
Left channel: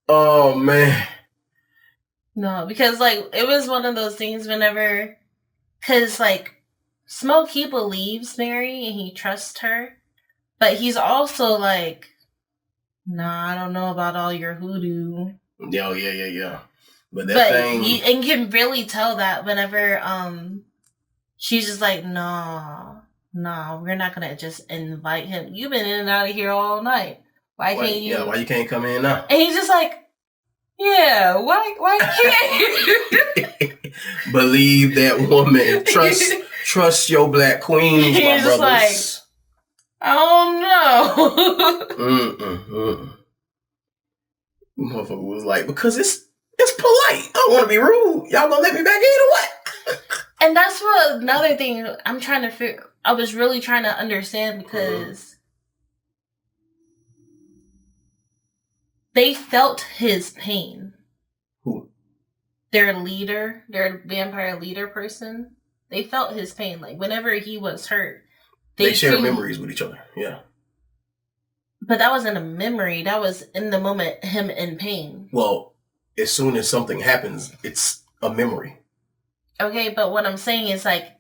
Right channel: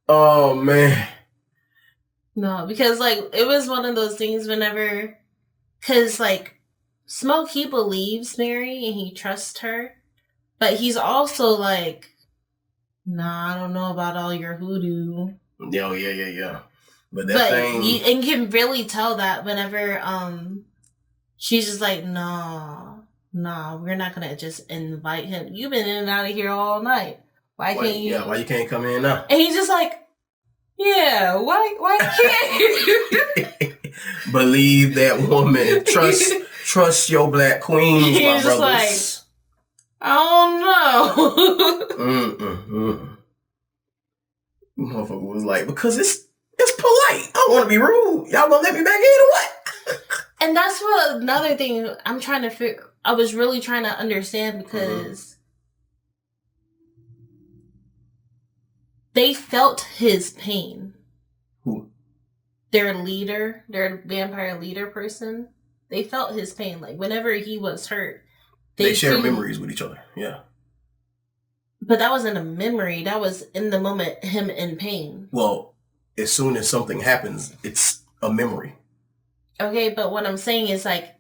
Oh, man. No, because, like, it was one of those things whenever, because, like, Smoke, he believes Mary and he trusts her, but he's also like, nah, I don't know about all your hoodoo. Yeah. But thing... you can really tell that whenever she's just like, nah, we're not gonna just invite him. You've been in and out of here all night. Why can't you? Yeah, why you can't come in now? And he's just like, yeah, why can't you? Believe that woman. Trust your black queens, my He's just brothers. Like, I don't know. Motherfucker was like, because it's polite. I don't want to be rude. Y'all gonna let me back in or what? And that's what another thing I'm trying to figure. I was really trying to understand because they felt his pain. Who? Their leader, their vampire leader person. They felt his pain. Like whenever he was hurt, they shared memories with each other. Yeah. But that wasn't a memory. That was in the moment, him in pain. Well, as soon as something happens, it's a memory. Okay, but what I'm saying is like,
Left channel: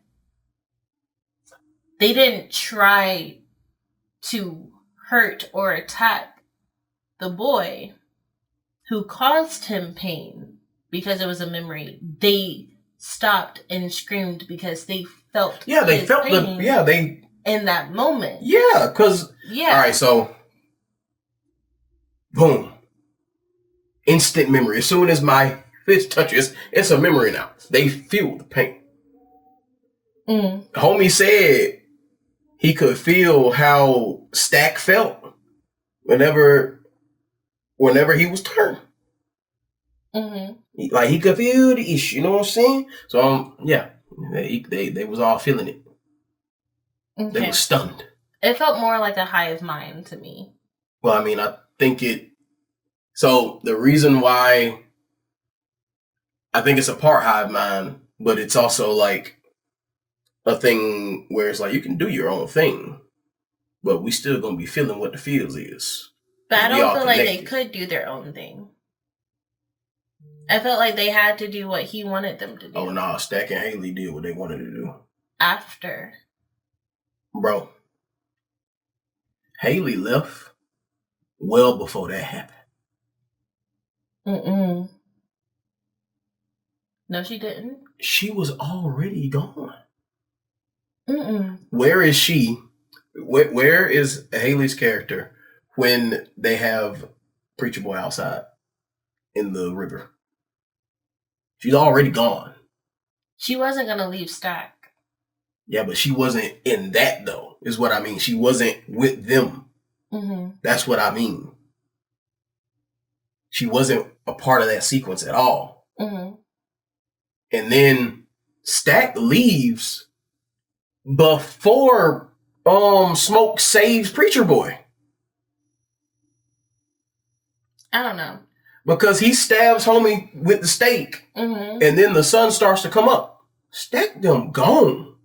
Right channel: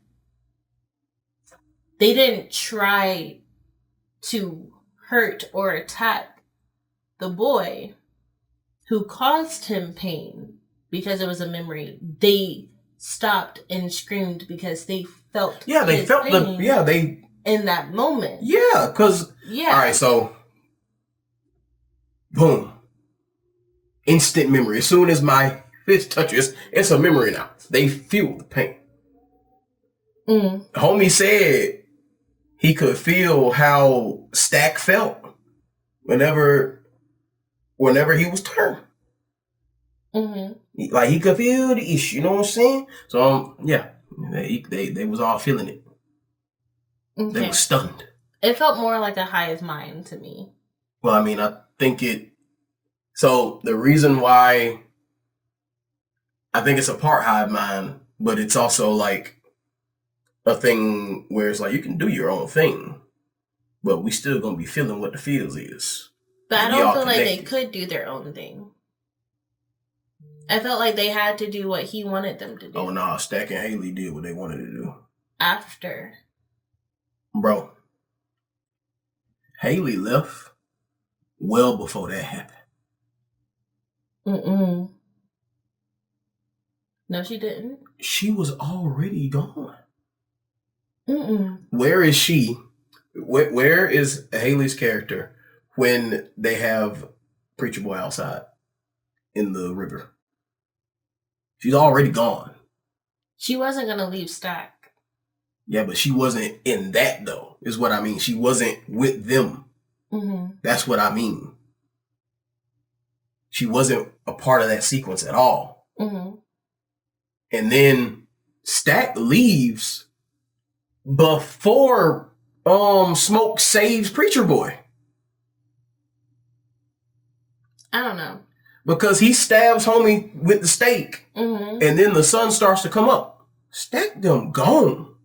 they didn't try to hurt or attack the boy who caused him pain because it was a memory. They stopped and screamed because they felt they felt pain in that moment. Yeah, because all right, so boom, instant memory. As soon as my fist touches, it's a memory now. They feel the pain. Homie said he could feel how Stack felt whenever he was turned. Like he could feel the issue, you know what I'm saying? So they was all feeling it. Okay. They were stunned. It felt more like a hive mind to me. Well, I mean, I think it. So the reason why I think it's a part hive mind, but it's also like a thing where it's like you can do your own thing, but we still gonna be feeling what the feels is. But I don't feel like they could do their own thing. I felt like they had to do what he wanted them to do. Oh, nah, Stack and Haley did what they wanted to do. After. Bro. Haley left well before that happened. No, she didn't. She was already gone. Where is she? Where is Haley's character when they have Preacher Boy outside in the river? She's already gone. She wasn't going to leave Stack. Yeah, but she wasn't in that, though, is what I mean. She wasn't with them. That's what I mean. She wasn't a part of that sequence at all. And then Stack leaves before Smoke saves Preacher Boy. I don't know. Because he stabs homie with the stake, and then the sun starts to come up. Stack them gone.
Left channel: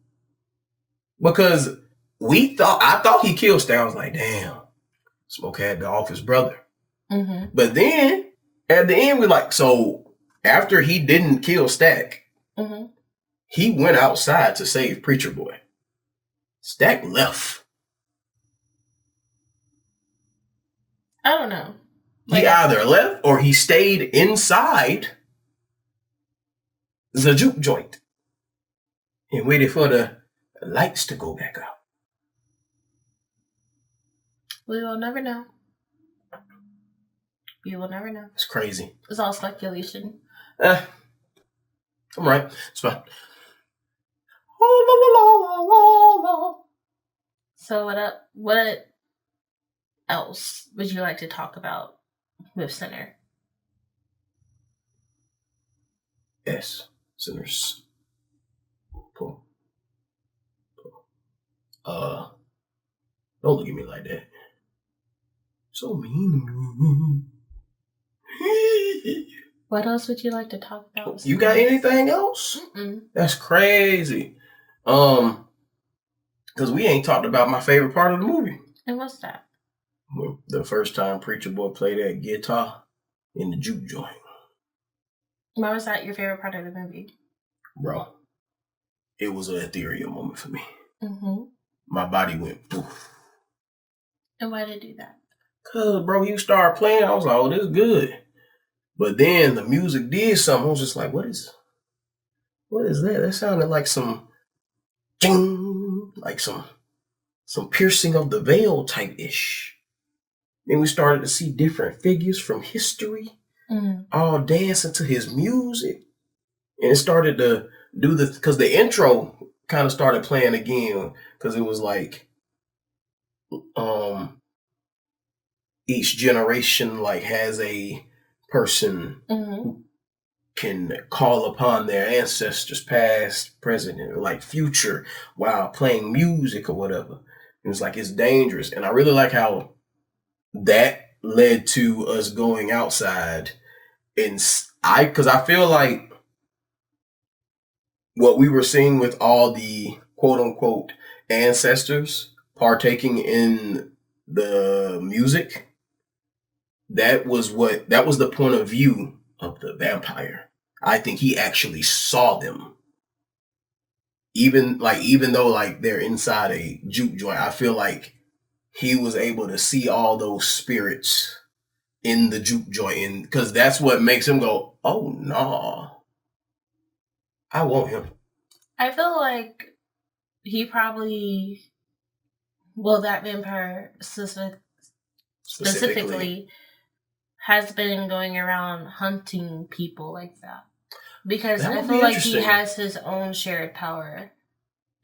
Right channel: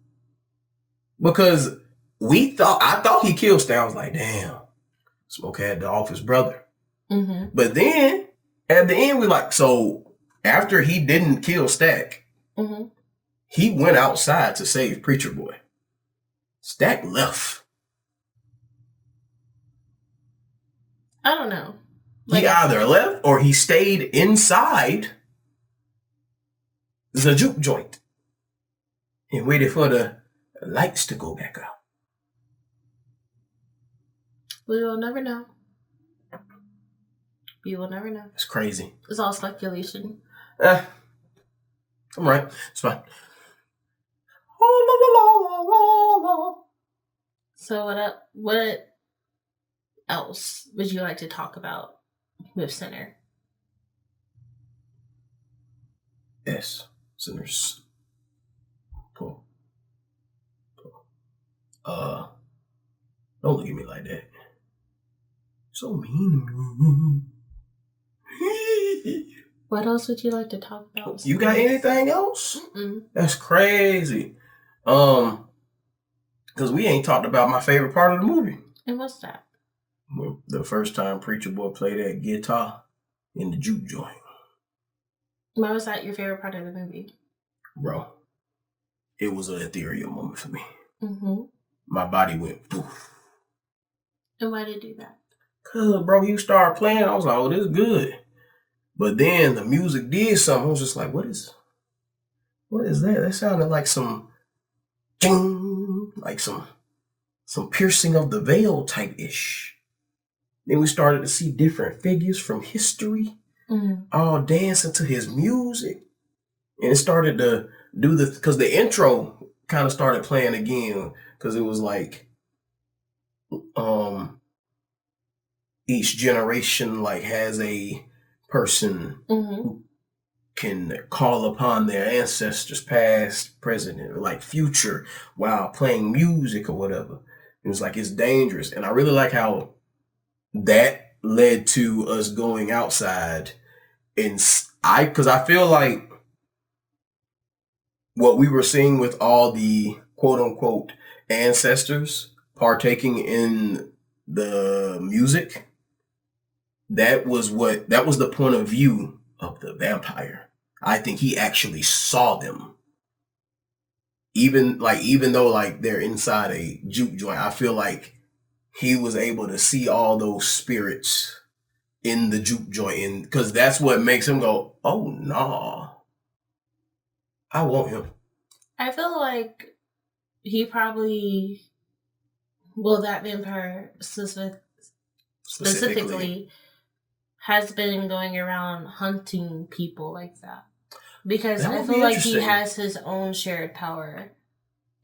Because I thought he killed Stack. I was like, damn, Smoke had to off his brother. But then at the end, we're like, so after he didn't kill Stack, he went outside to save Preacher Boy. Stack left. I don't know. He either left or he stayed inside the juke joint and waited for the lights to go back out. We will never know. We will never know. It's crazy. It's all speculation. I'm right. It's fine. So what else would you like to talk about with Sinner? Yes, Sinners. Pull. Don't look at me like that. So mean. What else would you like to talk about? You got anything else? That's crazy. Because we ain't talked about my favorite part of the movie. And what's that? The first time Preacher Boy played that guitar in the juke joint. Why was that your favorite part of the movie? Bro, it was an ethereal moment for me. My body went poof. And why did it do that? Cause bro, you started playing, I was like, oh, this is good. But then the music did something. I was just like, what is that? That sounded like some ding, like some piercing of the veil type ish. Then we started to see different figures from history all dancing to his music. And it started to do because the intro kind of started playing again, because it was like each generation like has a person who can call upon their ancestors, past, present, or like future, while playing music or whatever. And it's like, it's dangerous. And I really like how that led to us going outside. And because I feel like what we were seeing with all the quote unquote ancestors partaking in the music, that was the point of view of the vampire. I think he actually saw them. Even though like they're inside a juke joint, I feel like he was able to see all those spirits in the juke joint, and because that's what makes him go, oh no, I want him. I feel like he probably, that vampire specifically has been going around hunting people like that. Because I feel like he has his own shared power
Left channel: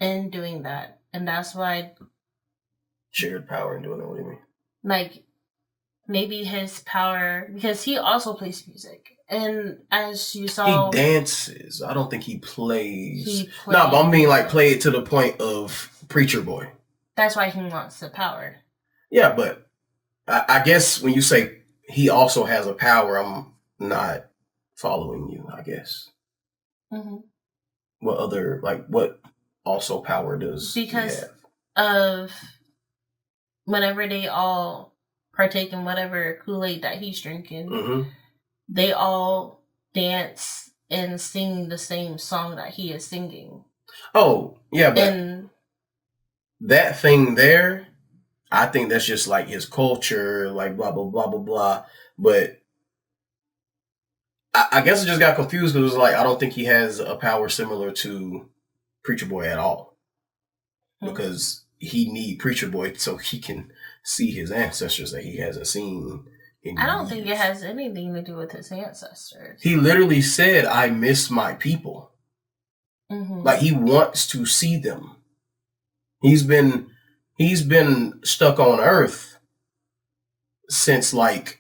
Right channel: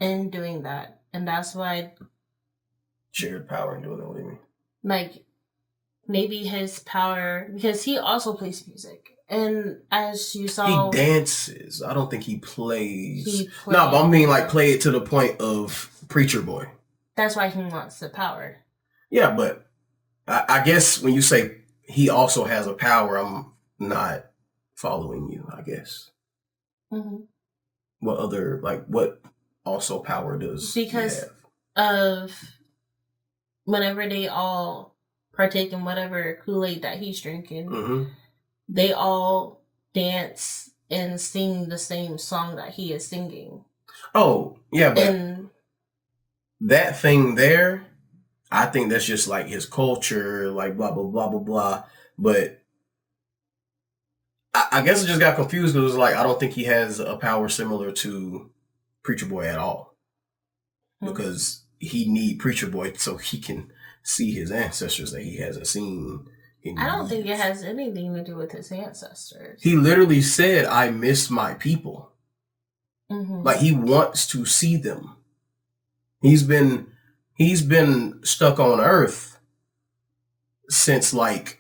in doing that. And that's why... Shared power in doing that? What do you mean? Like, maybe his power... Because he also plays music. And as you saw... He dances. I don't think he plays. No, but I mean like play it to the point of Preacher Boy. That's why he wants the power. Yeah, but I guess when you say he also has a power, I'm not following you, I guess. What also power does because of whenever they all partake in whatever Kool-Aid that he's drinking, they all dance and sing the same song that he is singing. Oh, yeah, but that thing there, I think that's just like his culture, like blah, blah, blah, blah, blah. But I guess I just got confused. It was like, I don't think he has a power similar to Preacher Boy at all. Because he need Preacher Boy so he can see his ancestors that he hasn't seen in I don't think it has anything to do with his ancestors. He literally said, I miss my people. Like, he wants to see them. He's been stuck on Earth since like,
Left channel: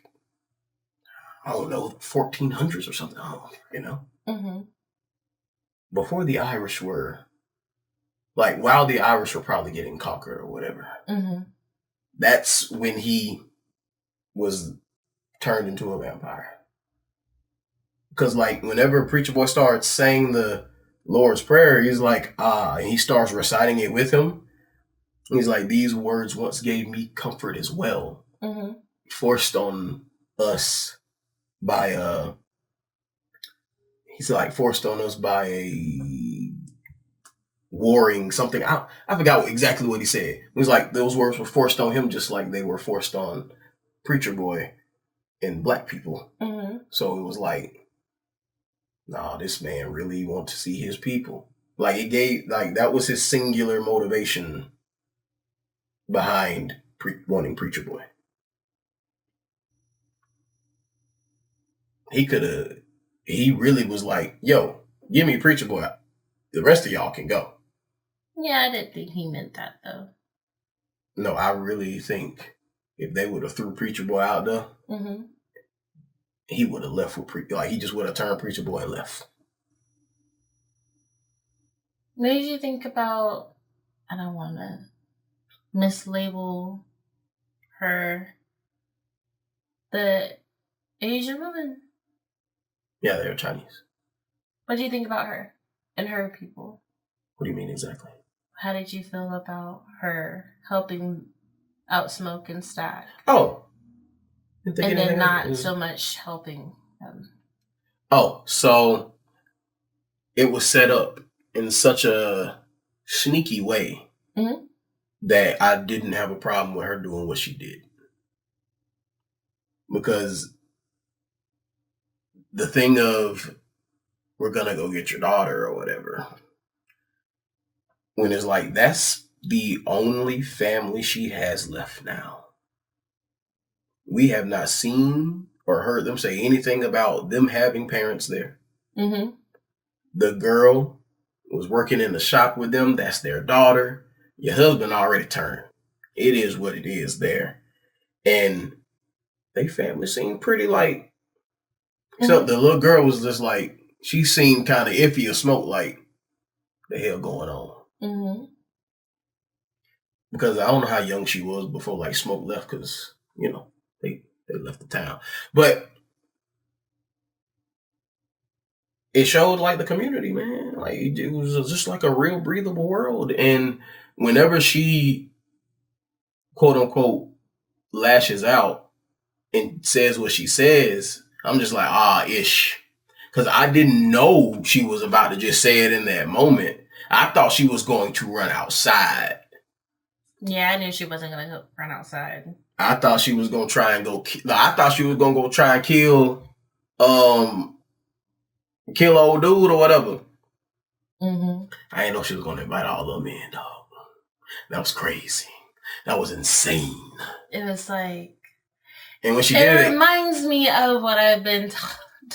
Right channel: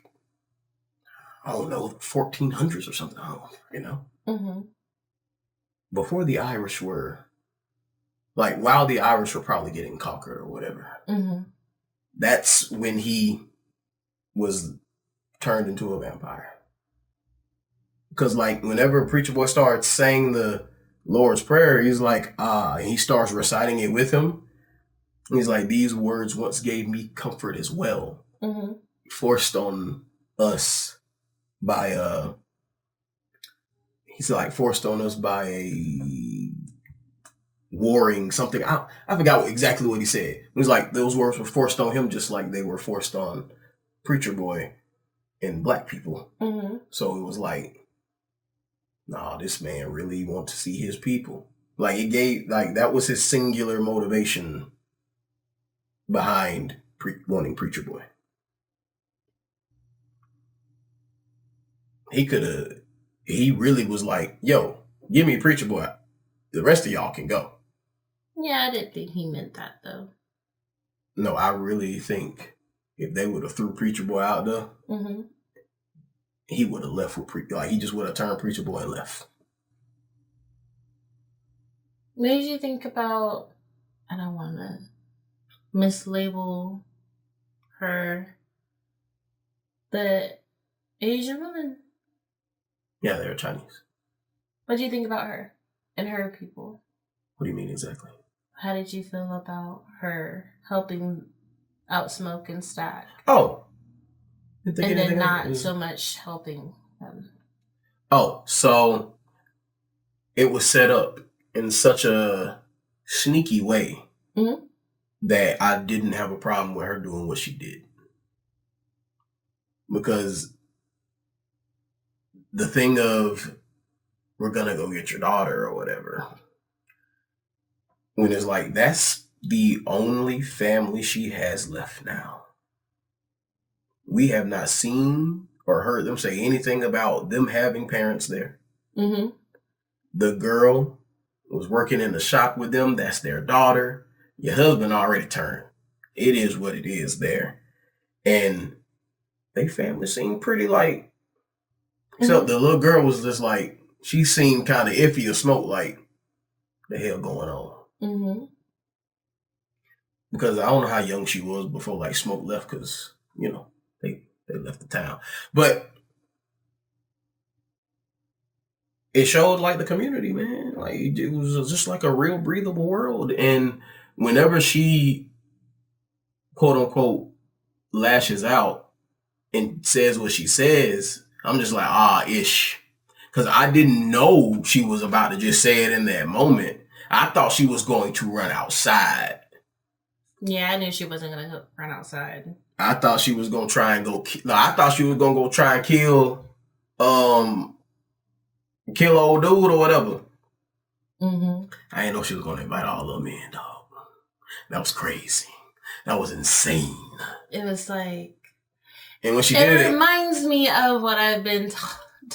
I don't know, 1400s or something. I don't know, before the Irish were, like, while the Irish were probably getting conquered or whatever, that's when he was turned into a vampire. Because, like, whenever Preacher Boy starts saying the Lord's Prayer, he's like, and he starts reciting it with him. He's like, these words once gave me comfort as well. Forced on us by, he's like, forced on us by a warring something. I forgot exactly what he said. It was like, those words were forced on him just like they were forced on Preacher Boy and black people. So it was like, nah, this man really wants to see his people. Like, it gave, like, that was his singular motivation behind wanting Preacher Boy. He really was like, yo, give me Preacher Boy. The rest of y'all can go. Yeah, I didn't think he meant that, though. No, I really think if they would have threw Preacher Boy out there, he would have left with he just would have turned Preacher Boy and left. What did you think about, I don't want to mislabel her, the Asian woman? Yeah, they're Chinese. What do you think about her and her people? What do you mean exactly? How did you feel about her helping out Smoke and Stack? Oh. And then not so much helping them. Oh, so it was set up in such a sneaky way that I didn't have a problem with her doing what she did. Because the thing of, we're going to go get your daughter or whatever, when it's like, that's the only family she has left now. We have not seen or heard them say anything about them having parents there. The girl was working in the shop with them. That's their daughter. Your husband already turned. It is what it is there. And they family seemed pretty like, except the little girl was just like, she seemed kind of iffy or Smoke, like, the hell going on? Because I don't know how young she was before, like, Smoke left, because, you know, they left the town. But it showed, like, the community, man. Like, it was just like a real breathable world. And whenever she, quote unquote, lashes out and says what she says, I'm just like, ish. Because I didn't know she was about to just say it in that moment. I thought she was going to run outside. Yeah, I knew she wasn't going to run outside. I thought she was going to try and go... I thought she was going to go try and kill old dude or whatever. I didn't know she was going to invite all of them in, dog. That was crazy. That was insane. It was like... And when she did it... It reminds me of what I've been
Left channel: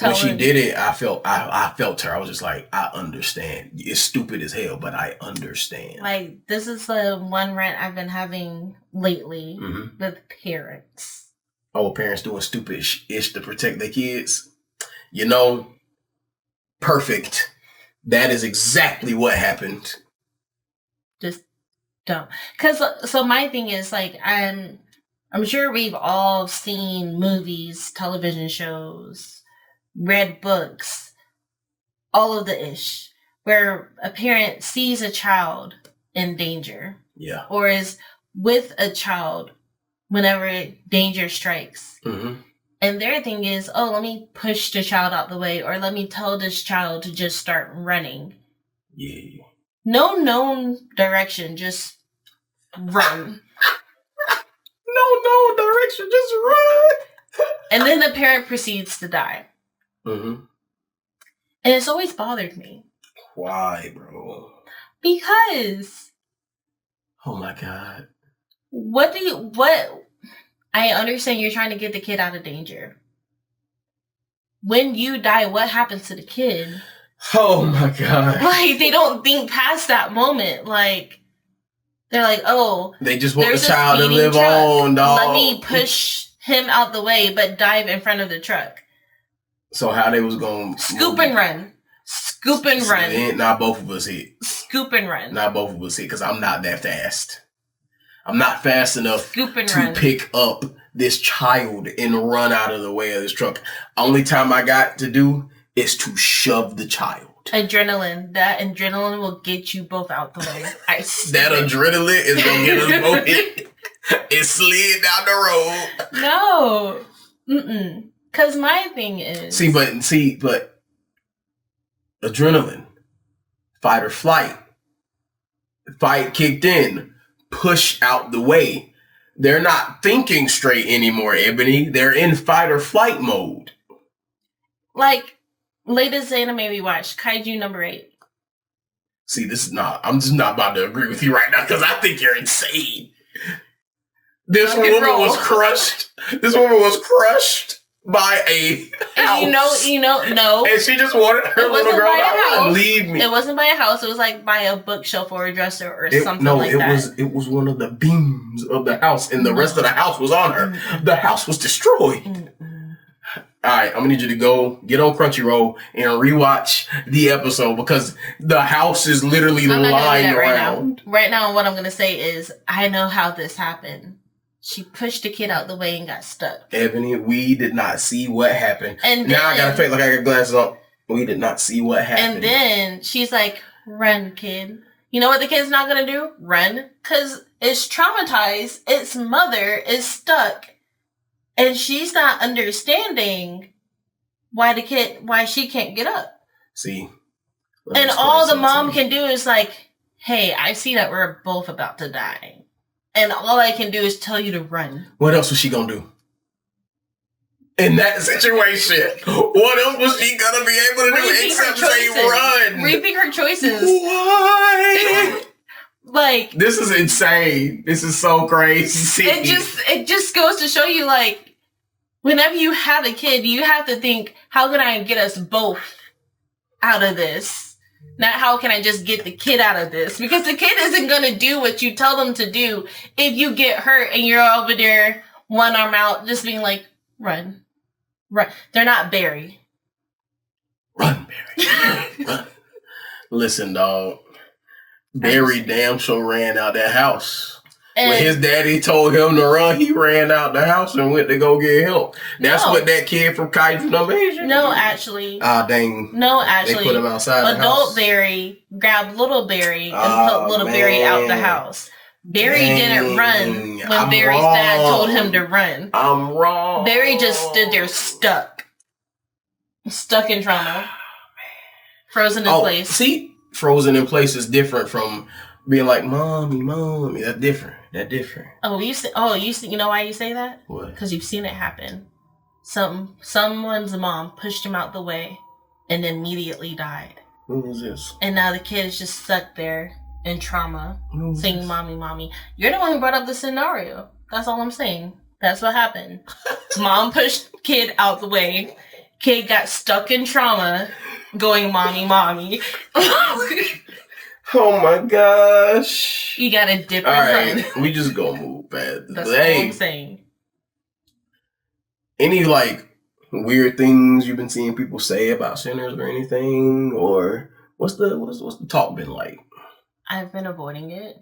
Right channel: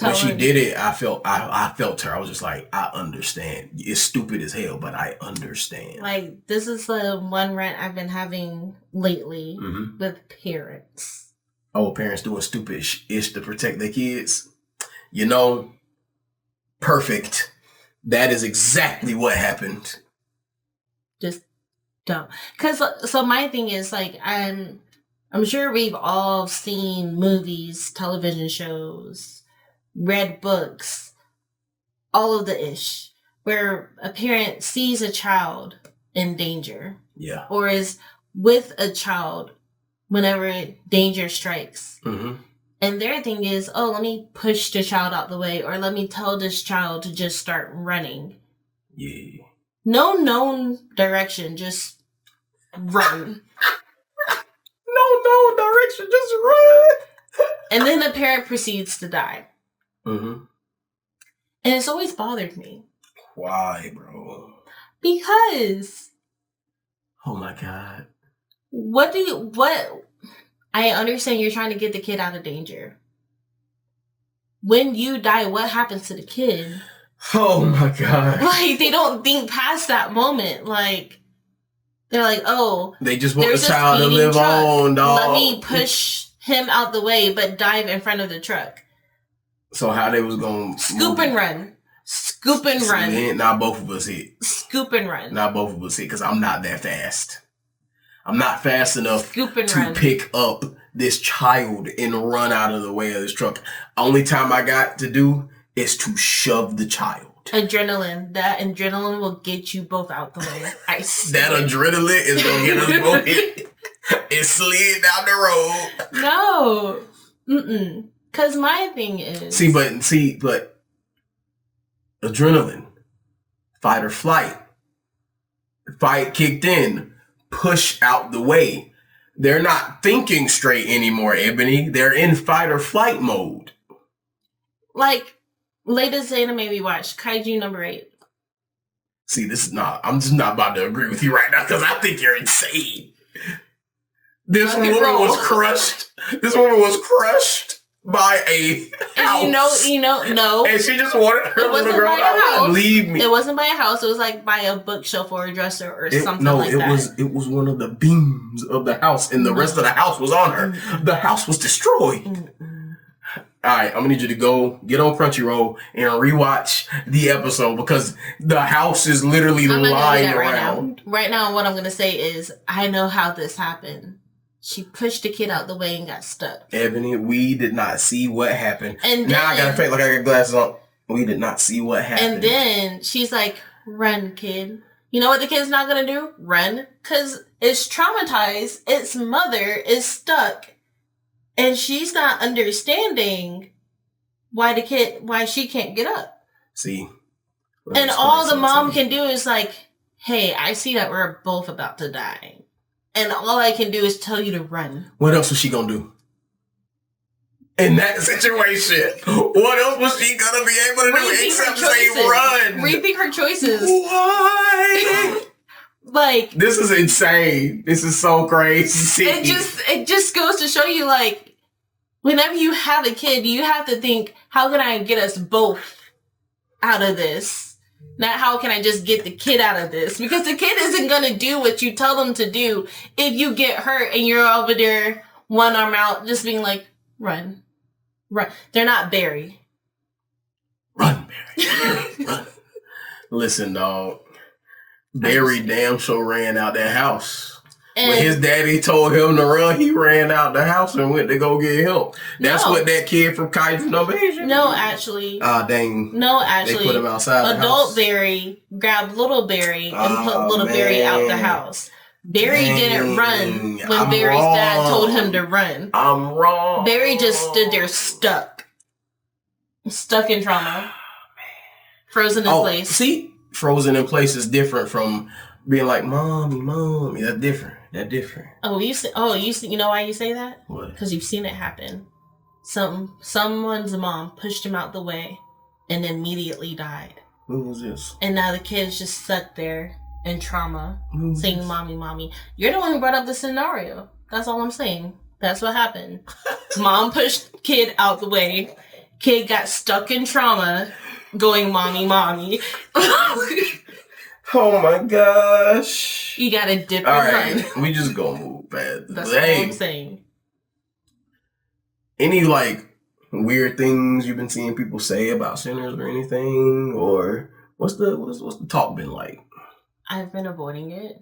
when she did it, I felt her. I was just like, I understand. It's stupid as hell, but I understand. Like, this is the one rant I've been having lately with parents. Oh, parents doing stupid ish to protect their kids. You know, perfect. That is exactly what happened. Just dumb. So my thing is, like, I'm sure we've all seen movies, television shows, read books, all of the ish, where a parent sees a child in danger. Yeah. Or is with a child whenever danger strikes. And their thing is, let me push the child out the way, or let me tell this child to just start running. Yeah. No known direction, just run. No direction, just run. And then the parent proceeds to die. And it's always bothered me. Why, bro? Because... Oh my God. I understand you're trying to get the kid out of danger. When you die, what happens to the kid? Oh my God. Like, they don't think past that moment. Like, they're like, they just want the child to live on, dog. Let me push him out the way, but dive in front of the truck. So how they was going to scoop and run. Scoop and run. Not both of us hit. Scoop and run. Not both of us hit because I'm not that fast. I'm not fast enough to run. Pick up this child and run out of the way of this truck. Only time I got to do is to shove the child. Adrenaline. That adrenaline will get you both out the way. That adrenaline is going to get us both hit. It slid down the road. No. Mm-mm. Because my thing is... See, but adrenaline, fight or flight. Fight kicked in. Push out the way. They're not thinking straight anymore, Ebony. They're in fight or flight mode. Like, latest anime we watched, Kaiju number 8. See, I'm just not about to agree with you right now because I think you're insane. This woman was crushed. This woman was crushed by a house. And no. And she just wanted her little girl to leave me. It wasn't by a house. It was like by a bookshelf or a dresser or something like that. It was one of the beams of the house, and the rest of the house was on her. The house was destroyed. All right, I'm gonna need you to go get on Crunchyroll and rewatch the episode because the house is literally lying around. Right now, what I'm gonna say is I know how this happened. She pushed the kid out the way and got stuck. Ebony, we did not see what happened. And now I gotta fake like I got glasses on. We did not see what happened. And then she's like, "Run, kid." You know what the kid's not gonna do? Run, because it's traumatized. Its mother is stuck, and she's not understanding why she can't get up. See, and all the mom can do is like, "Hey, I see that we're both about to die. And all I can do is tell you to run." What else was she gonna do? In that situation, what else was she gonna be able to do except say run? Rethink her choices. Why? Like, this is insane. This is so crazy. It just goes to show you, like, whenever you have a kid, you have to think, how can I get us both out of this? Not how can I just get the kid out of this? Because the kid isn't going to do what you tell them to do if you get hurt and you're over there, one arm out, just being like, run. Run. They're not Barry. Run, Barry. Run. Listen, dog. Barry damn sure ran out that house. And when his daddy told him to run, he ran out the house and went to go get help. That's what that kid from Kaiju number 8. No, actually. Dang. No, actually. They put him outside the house. Adult Barry grabbed little Barry and put little Barry out the house. Barry didn't run when Barry's dad told him to run. I'm wrong. Barry just stood there stuck. Stuck in trauma. Frozen in place. See? Frozen in place is different from being like, mommy. That's different. You know why you say that? What? Because you've seen it happen. Someone's mom pushed him out the way and immediately died. Who was this? And now the kid's just stuck there in trauma, saying, mommy. You're the one who brought up the scenario. That's all I'm saying. That's what happened. Mom pushed kid out the way. Kid got stuck in trauma, going, mommy. Oh my gosh. You gotta dip all and right, run. We just gonna move past. That's all I'm saying. Any like weird things you've been seeing people say about Sinners or anything? Or what's the talk been like? I've been avoiding it.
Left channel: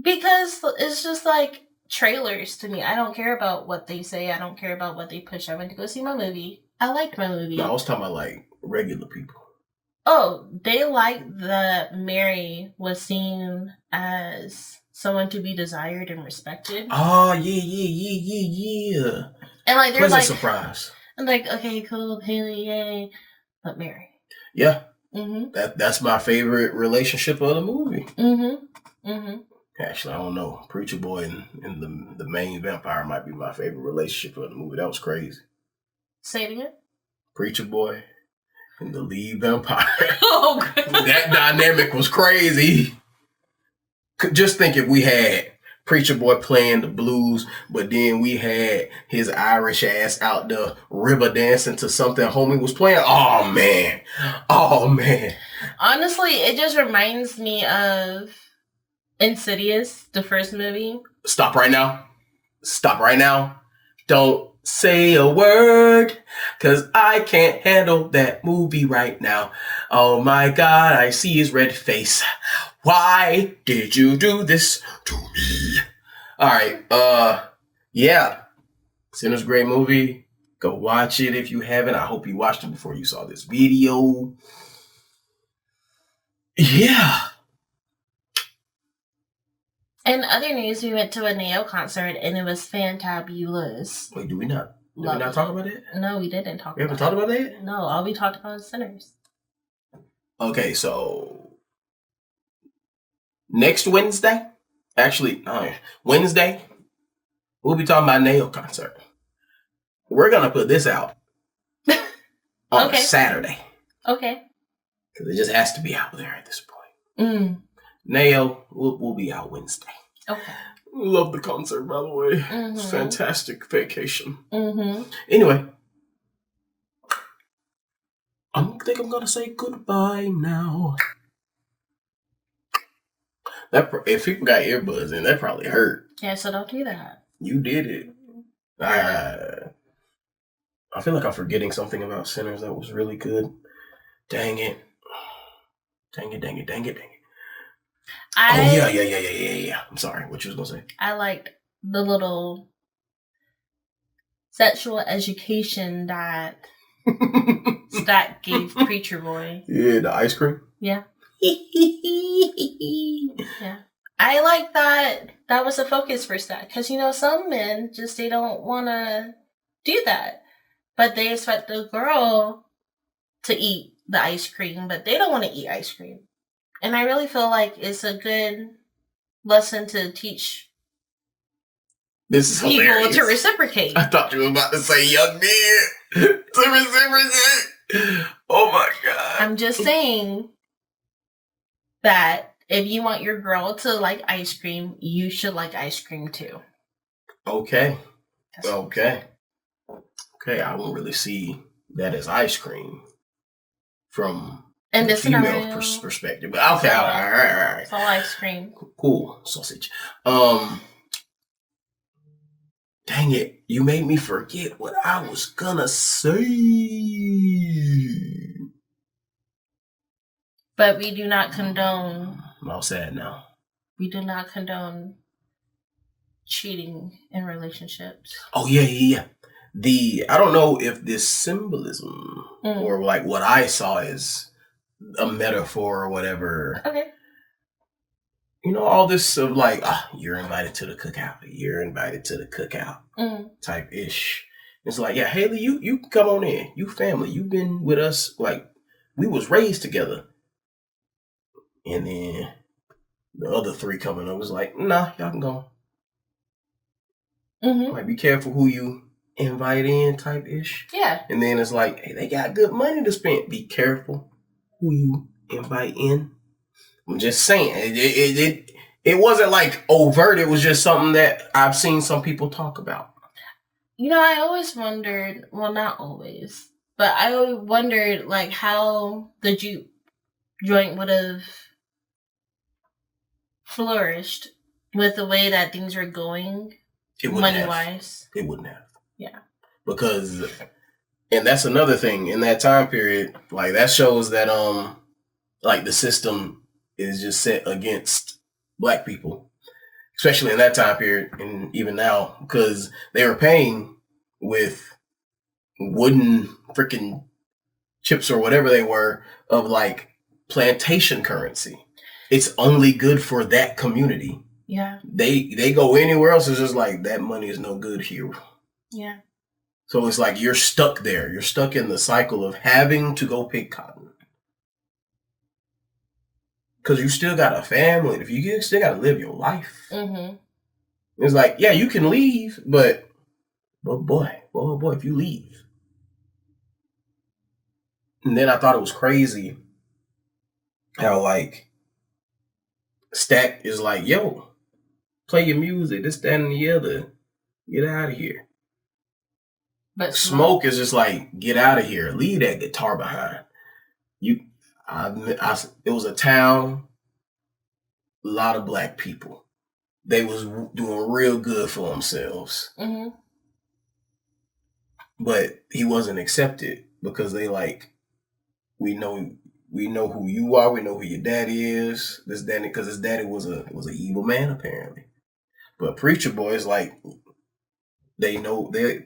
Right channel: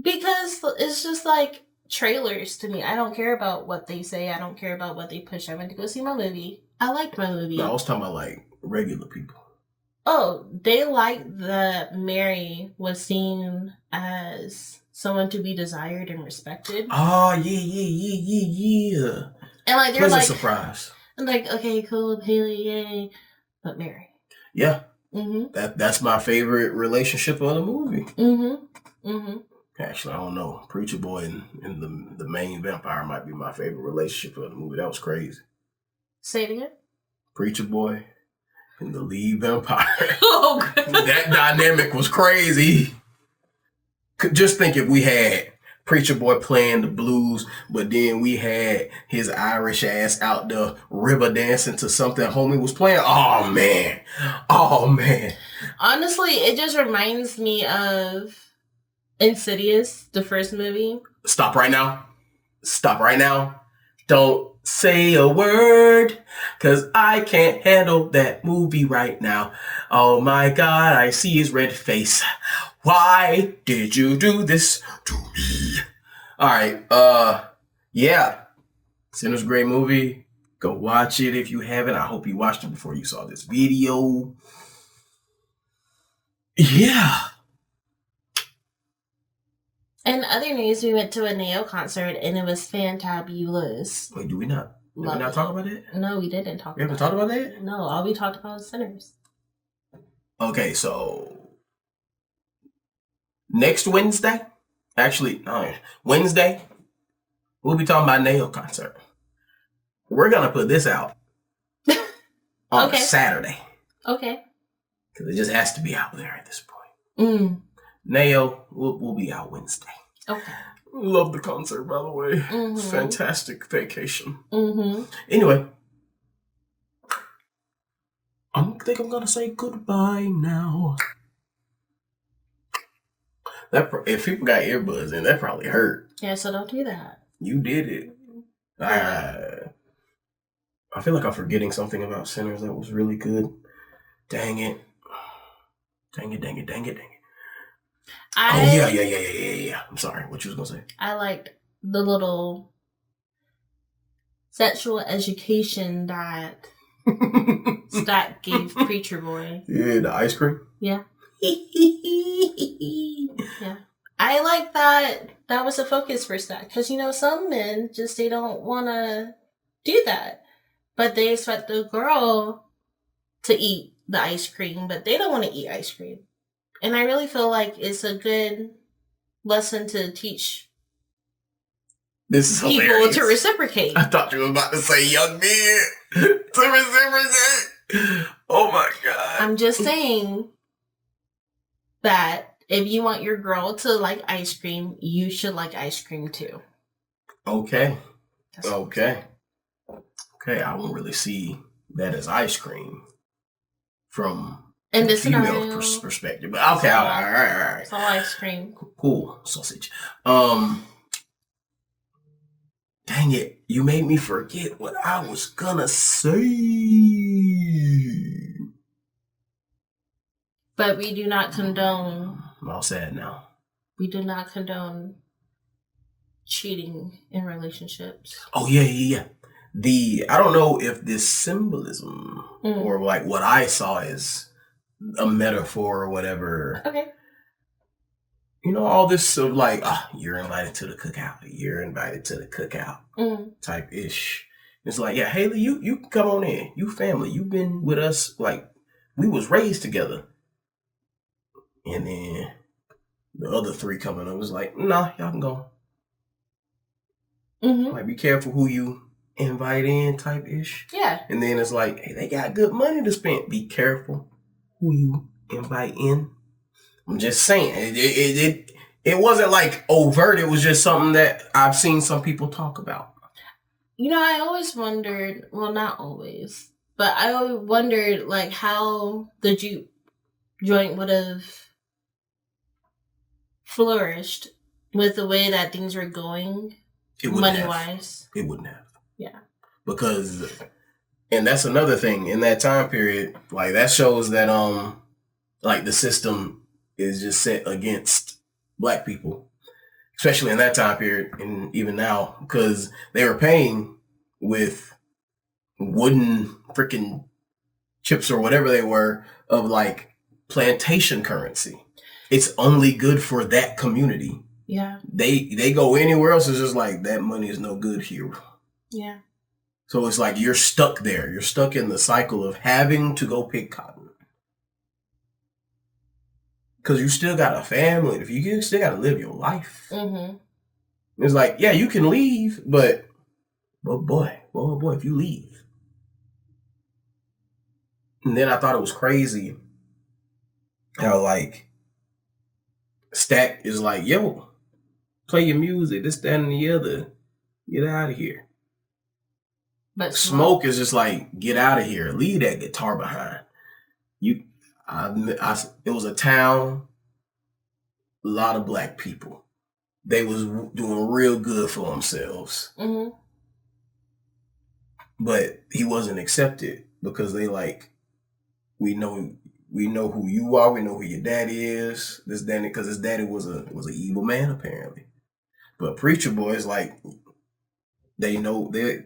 Because it's just like trailers to me. I don't care about what they say. I don't care about what they push. I went to go see my movie. I liked my movie. No, I was talking about like regular people. Oh, they like that Mary was seen as someone to be desired and respected. Oh, yeah. And like, they're pleasant surprise. And like, okay, cool, Haley, yay. But Mary. Yeah. Mm-hmm. That's my favorite relationship of the movie. Actually, I don't know. Preacher Boy and the main vampire might be my favorite relationship of the movie. That was crazy. Say it again. Preacher Boy and the lead vampire. Oh, God. That dynamic was crazy. Just think if we had Preacher Boy playing the blues, but then we had his Irish ass out the river dancing to something homie was playing. Oh, man. Honestly, it just reminds me of Insidious, the first movie. Stop right now. Don't say a word, 'cause I can't handle that movie right now. Oh my God, I see his red face. Why did you do this to me? All right, yeah. Sinners, great movie. Go watch it if you haven't. I hope you watched it before you saw this video. Yeah. In other news, we went to a Neo concert and it was fantabulous. Wait, did we not talk about it? No, we didn't talk about it. We haven't talked about that? No, all we talked about is Sinners. Okay, so next Wednesday, actually, Wednesday, we'll be talking about Neo concert. We're going to put this out on Saturday. Okay. Because it just has to be out there at this point. Neo, we'll be out Wednesday. Okay. Love the concert, by the way. Mm-hmm. It's fantastic vacation. Mm-hmm. Anyway, I think I'm going to say goodbye now. If people got earbuds in, that probably hurt. Yeah, so don't do that. You did it. I feel like I'm forgetting something about Sinners that was really good. Dang it. Yeah. I'm sorry. What you was going to say? I liked the little sexual education that Stack gave Preacher Boy. Yeah, the ice cream? Yeah. Yeah. I like that was a focus for Stack. Because, some men they don't want to do that. But they expect the girl to eat the ice cream, but they don't want to eat ice cream. And I really feel like it's a good lesson to teach people hilarious. To reciprocate. I thought you were about to say young men to reciprocate. Oh my God. I'm just saying that if you want your girl to like ice cream, you should like ice cream too. Okay. Okay, I won't really see that as ice cream from the female perspective. But okay, all right. It's all ice cream. Cool. Sausage. Dang it. You made me forget what I was gonna say. But we do not condone. I'm all sad now. We do not condone cheating in relationships. Oh, yeah. I don't know if this symbolism or like what I saw as a metaphor or whatever. Okay. All this of like, you're invited to the cookout. You're invited to the cookout type ish. It's like, yeah, Haley, you come on in. You family. You've been with us. Like, we was raised together. And then the other three coming up was like, nah, y'all can go. Mm-hmm. Like, be careful who you invite in type ish. Yeah. And then it's like, hey, they got good money to spend. Be careful who you invite in. I'm just saying, it wasn't like overt. It was just something that I've seen some people talk about. I always wondered, well, not always, but I always wondered like how the juke joint would have flourished with the way that things were going. Money-wise. It wouldn't have. Yeah. Because, and that's another thing, in that time period, like that shows that, like the system is just set against Black people, especially in that time period and even now, because they were paying with wooden freaking chips or whatever they were of like plantation currency. It's only good for that community. Yeah. They go anywhere else, it's just like, that money is no good here. Yeah. So it's like you're stuck there. You're stuck in the cycle of having to go pick cotton. Because you still got a family. If you still got to live your life. Mm-hmm. It's like, yeah, you can leave, but boy, if you leave. And then I thought it was crazy how like Stack is like, yo, play your music, this, that, and the other. Get out of here. But Smoke is just like, get out of here. Leave that guitar behind. It was a town, a lot of Black people. They was doing real good for themselves. Mm-hmm. but he wasn't accepted because they like, we know who you are, we know who your daddy is. This daddy, because his daddy was an evil man apparently. But Preacher Boy is like, they know they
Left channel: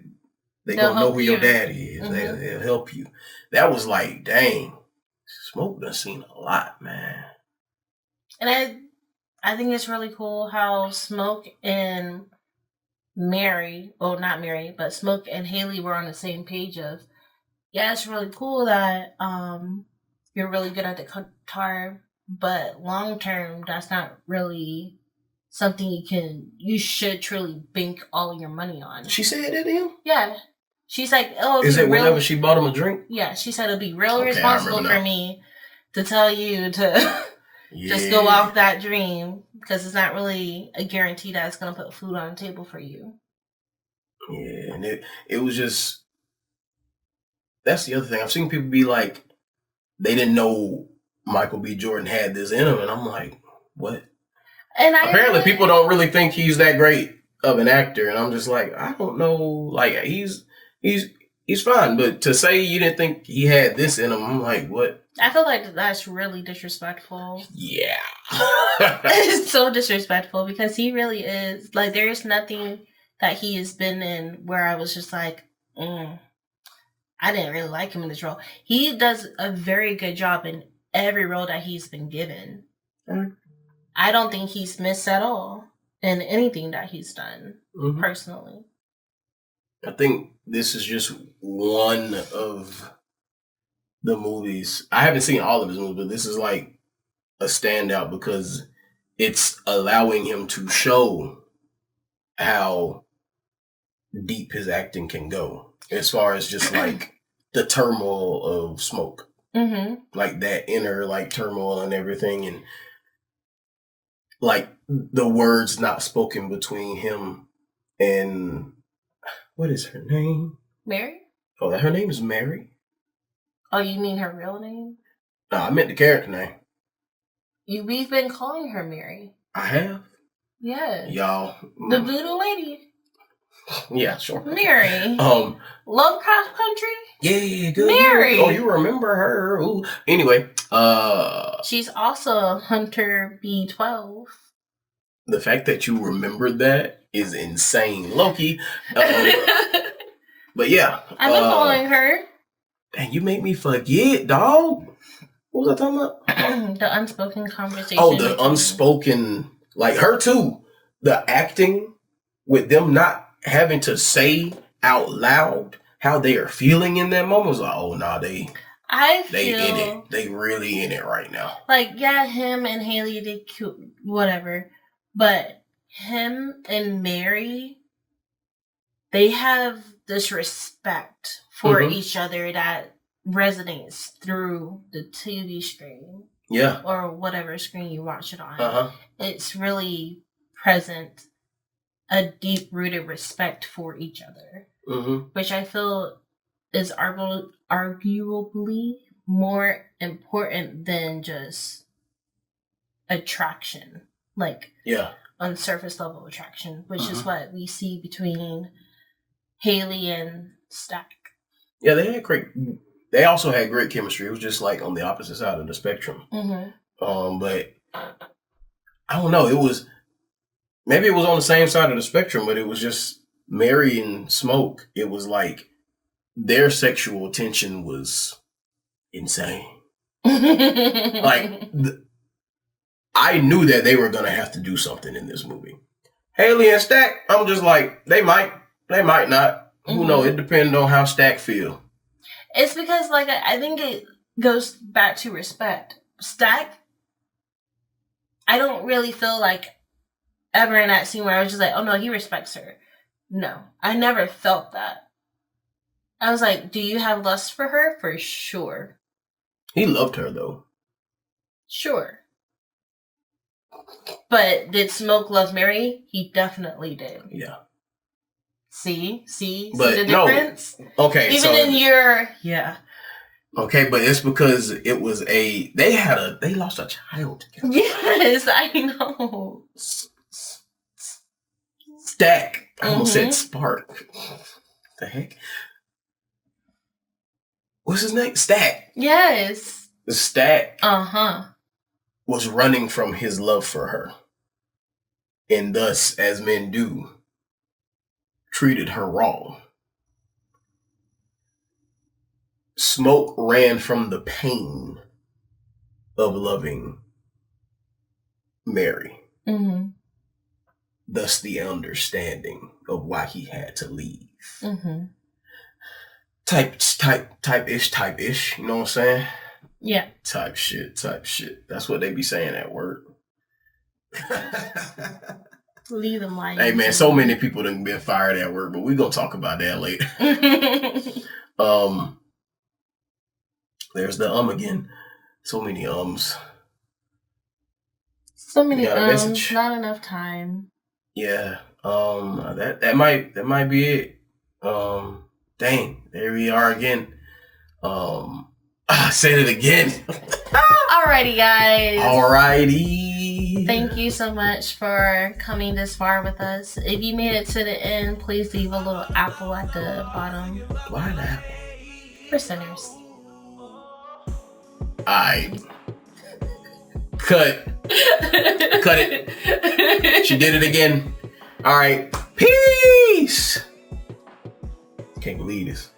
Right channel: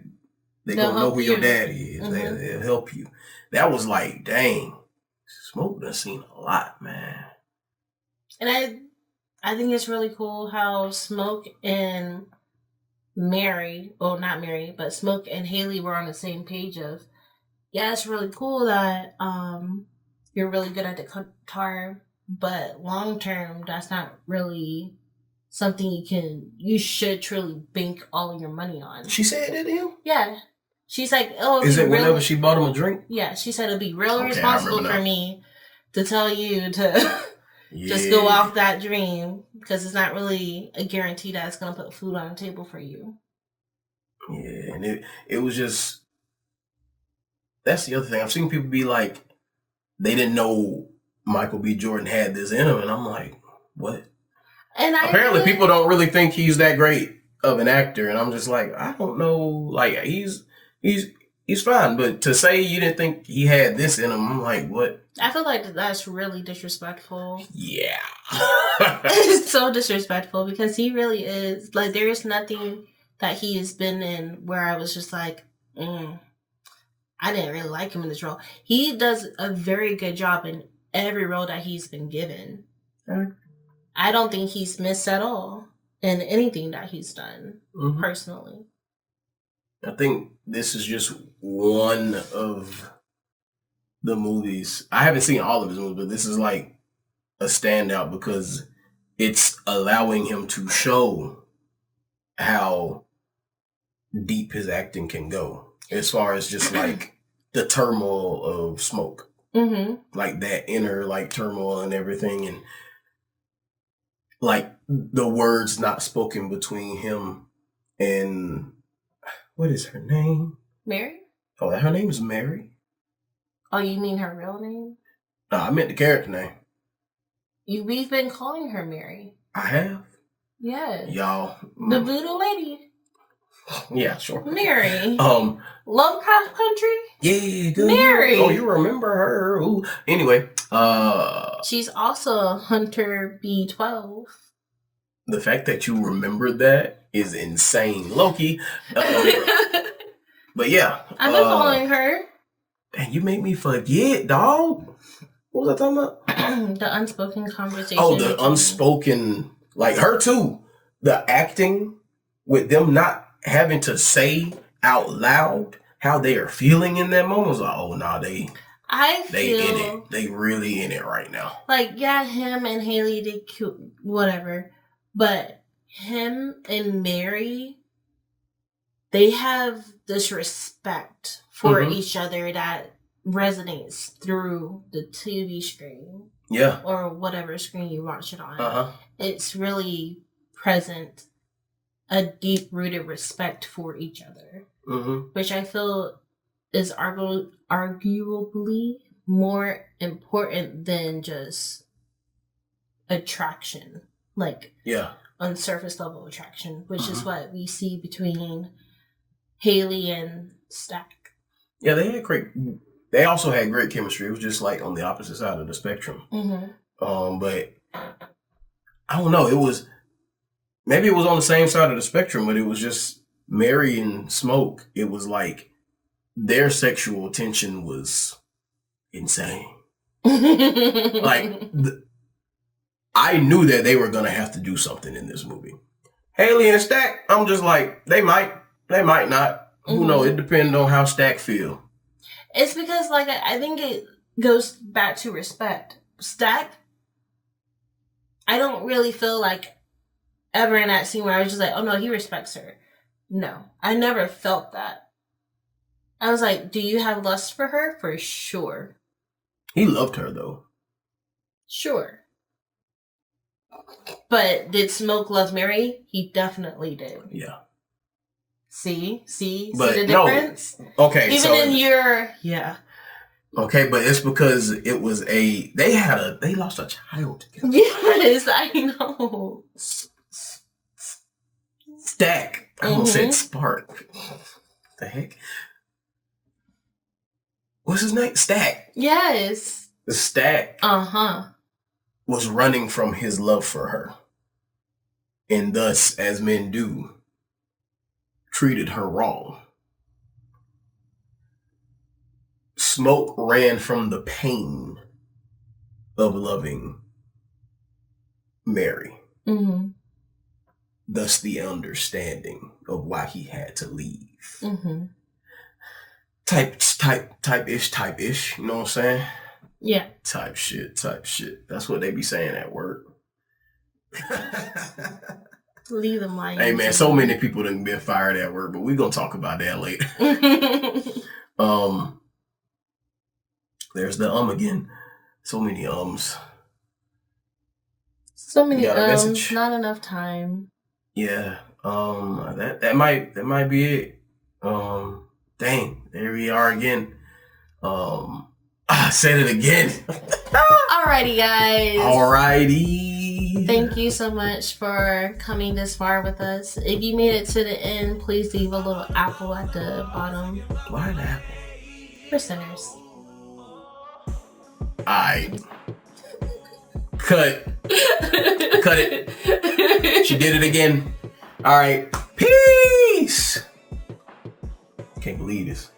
gonna know who your daddy is. Mm-hmm. They'll help you. That was like, dang, Smoke done seen a lot, man. And I think it's really cool how Smoke and Mary, well, not Mary, but Smoke and Haley were on the same page of, yeah, it's really cool that you're really good at the guitar, but long term, that's not really something you should truly bank all your money on. She said it to him? Yeah. She's like, oh, is it whenever she bought him a drink? Yeah, she said it'll be real responsible for me to tell you to just go off that dream, because it's not really a guarantee that it's going to put food on the table for you. Yeah, and it was just, that's the other thing. I've seen people be like, they didn't know Michael B. Jordan had this in him, and I'm like, what? And apparently people don't really think he's that great of an actor, and I'm just like, I don't know. Like, he's fine, but to say you didn't think he had this in him, I'm like, what? I feel like that's really disrespectful. Yeah. It's so disrespectful, because he really is. Like, there's nothing that he has been in where I was just like, I didn't really like him in this role. He does a very good job in every role that he's been given. I don't think he's missed at all in anything that he's done, personally. I think this is just one of the movies. I haven't seen all of his movies, but this is like a standout because it's allowing him to show how deep his acting can go, as far as just like the turmoil of Smoke. Like that inner like turmoil and everything, and like the words not spoken between him and, what is her name? Mary? Oh, her name is Mary? Oh, you mean her real name? No, I meant the character name. We've been calling her Mary. I have? Yeah. Y'all. The voodoo lady. Yeah, sure. Mary. Lovecraft Country? Yeah, good. Mary. Oh, you remember her. Ooh. Anyway, she's also Hunter B12. The fact that you remembered that is insane. Loki. But yeah. I've been following her. Dang, you make me forget, dog. What was I talking about? The unspoken conversation. Oh, the unspoken, like her too. The acting with them not having to say out loud how they are feeling in that moment was like, oh, nah, they in it. They really in it right now. Like, yeah, him and Haley, they cute, whatever. But him and Mary, they have this respect for each other that resonates through the TV screen. Yeah. Or whatever screen you watch it on. It's really present, a deep-rooted respect for each other. Which I feel is arguably more important than just attraction. Like, on surface level attraction, which is what we see between Haley and Stack. Yeah, they also had great chemistry. It was just like on the opposite side of the spectrum. But I don't know. Maybe it was on the same side of the spectrum, but it was just Mary and Smoke. It was like their sexual tension was insane. Like, I knew that they were going to have to do something in this movie. Haley and Stack, I'm just like, they might not. Who knows? It depends on how Stack feel. It's because, like, I think it goes back to respect. Stack, I don't really feel like ever in that scene where I was just like, oh no, he respects her. No, I never felt that. I was like, do you have lust for her? For sure. He loved her, though. Sure. But did Smoke love Mary? He definitely did. Yeah. See the difference? No. Okay. Even in your... Yeah. Okay, but it's because it was they lost a child together. Yes, I know. Stack. I almost said Spark. The heck? what's his name? Stack. Yes. The Stack. Uh-huh. Was running from his love for her. And thus, as men do, treated her wrong. Smoke ran from the pain of loving Mary. Mm-hmm. Thus the understanding of why he had to leave. Mm-hmm. Type-ish, you know what I'm saying? Yeah. Type shit. That's what they be saying at work. Leave them lying. Hey man, so many people done been fired at work, but we're gonna talk about that later. There's the again. So many So many not enough time. Yeah. That might be it. Dang, there we are again. I said it again. Alrighty, guys. Alrighty. Thank you so much for coming this far with us. If you made it to the end, please leave a little apple at the bottom. Why an apple? For sinners. Alright. Cut it. She did it again. Alright. Peace. Can't believe this.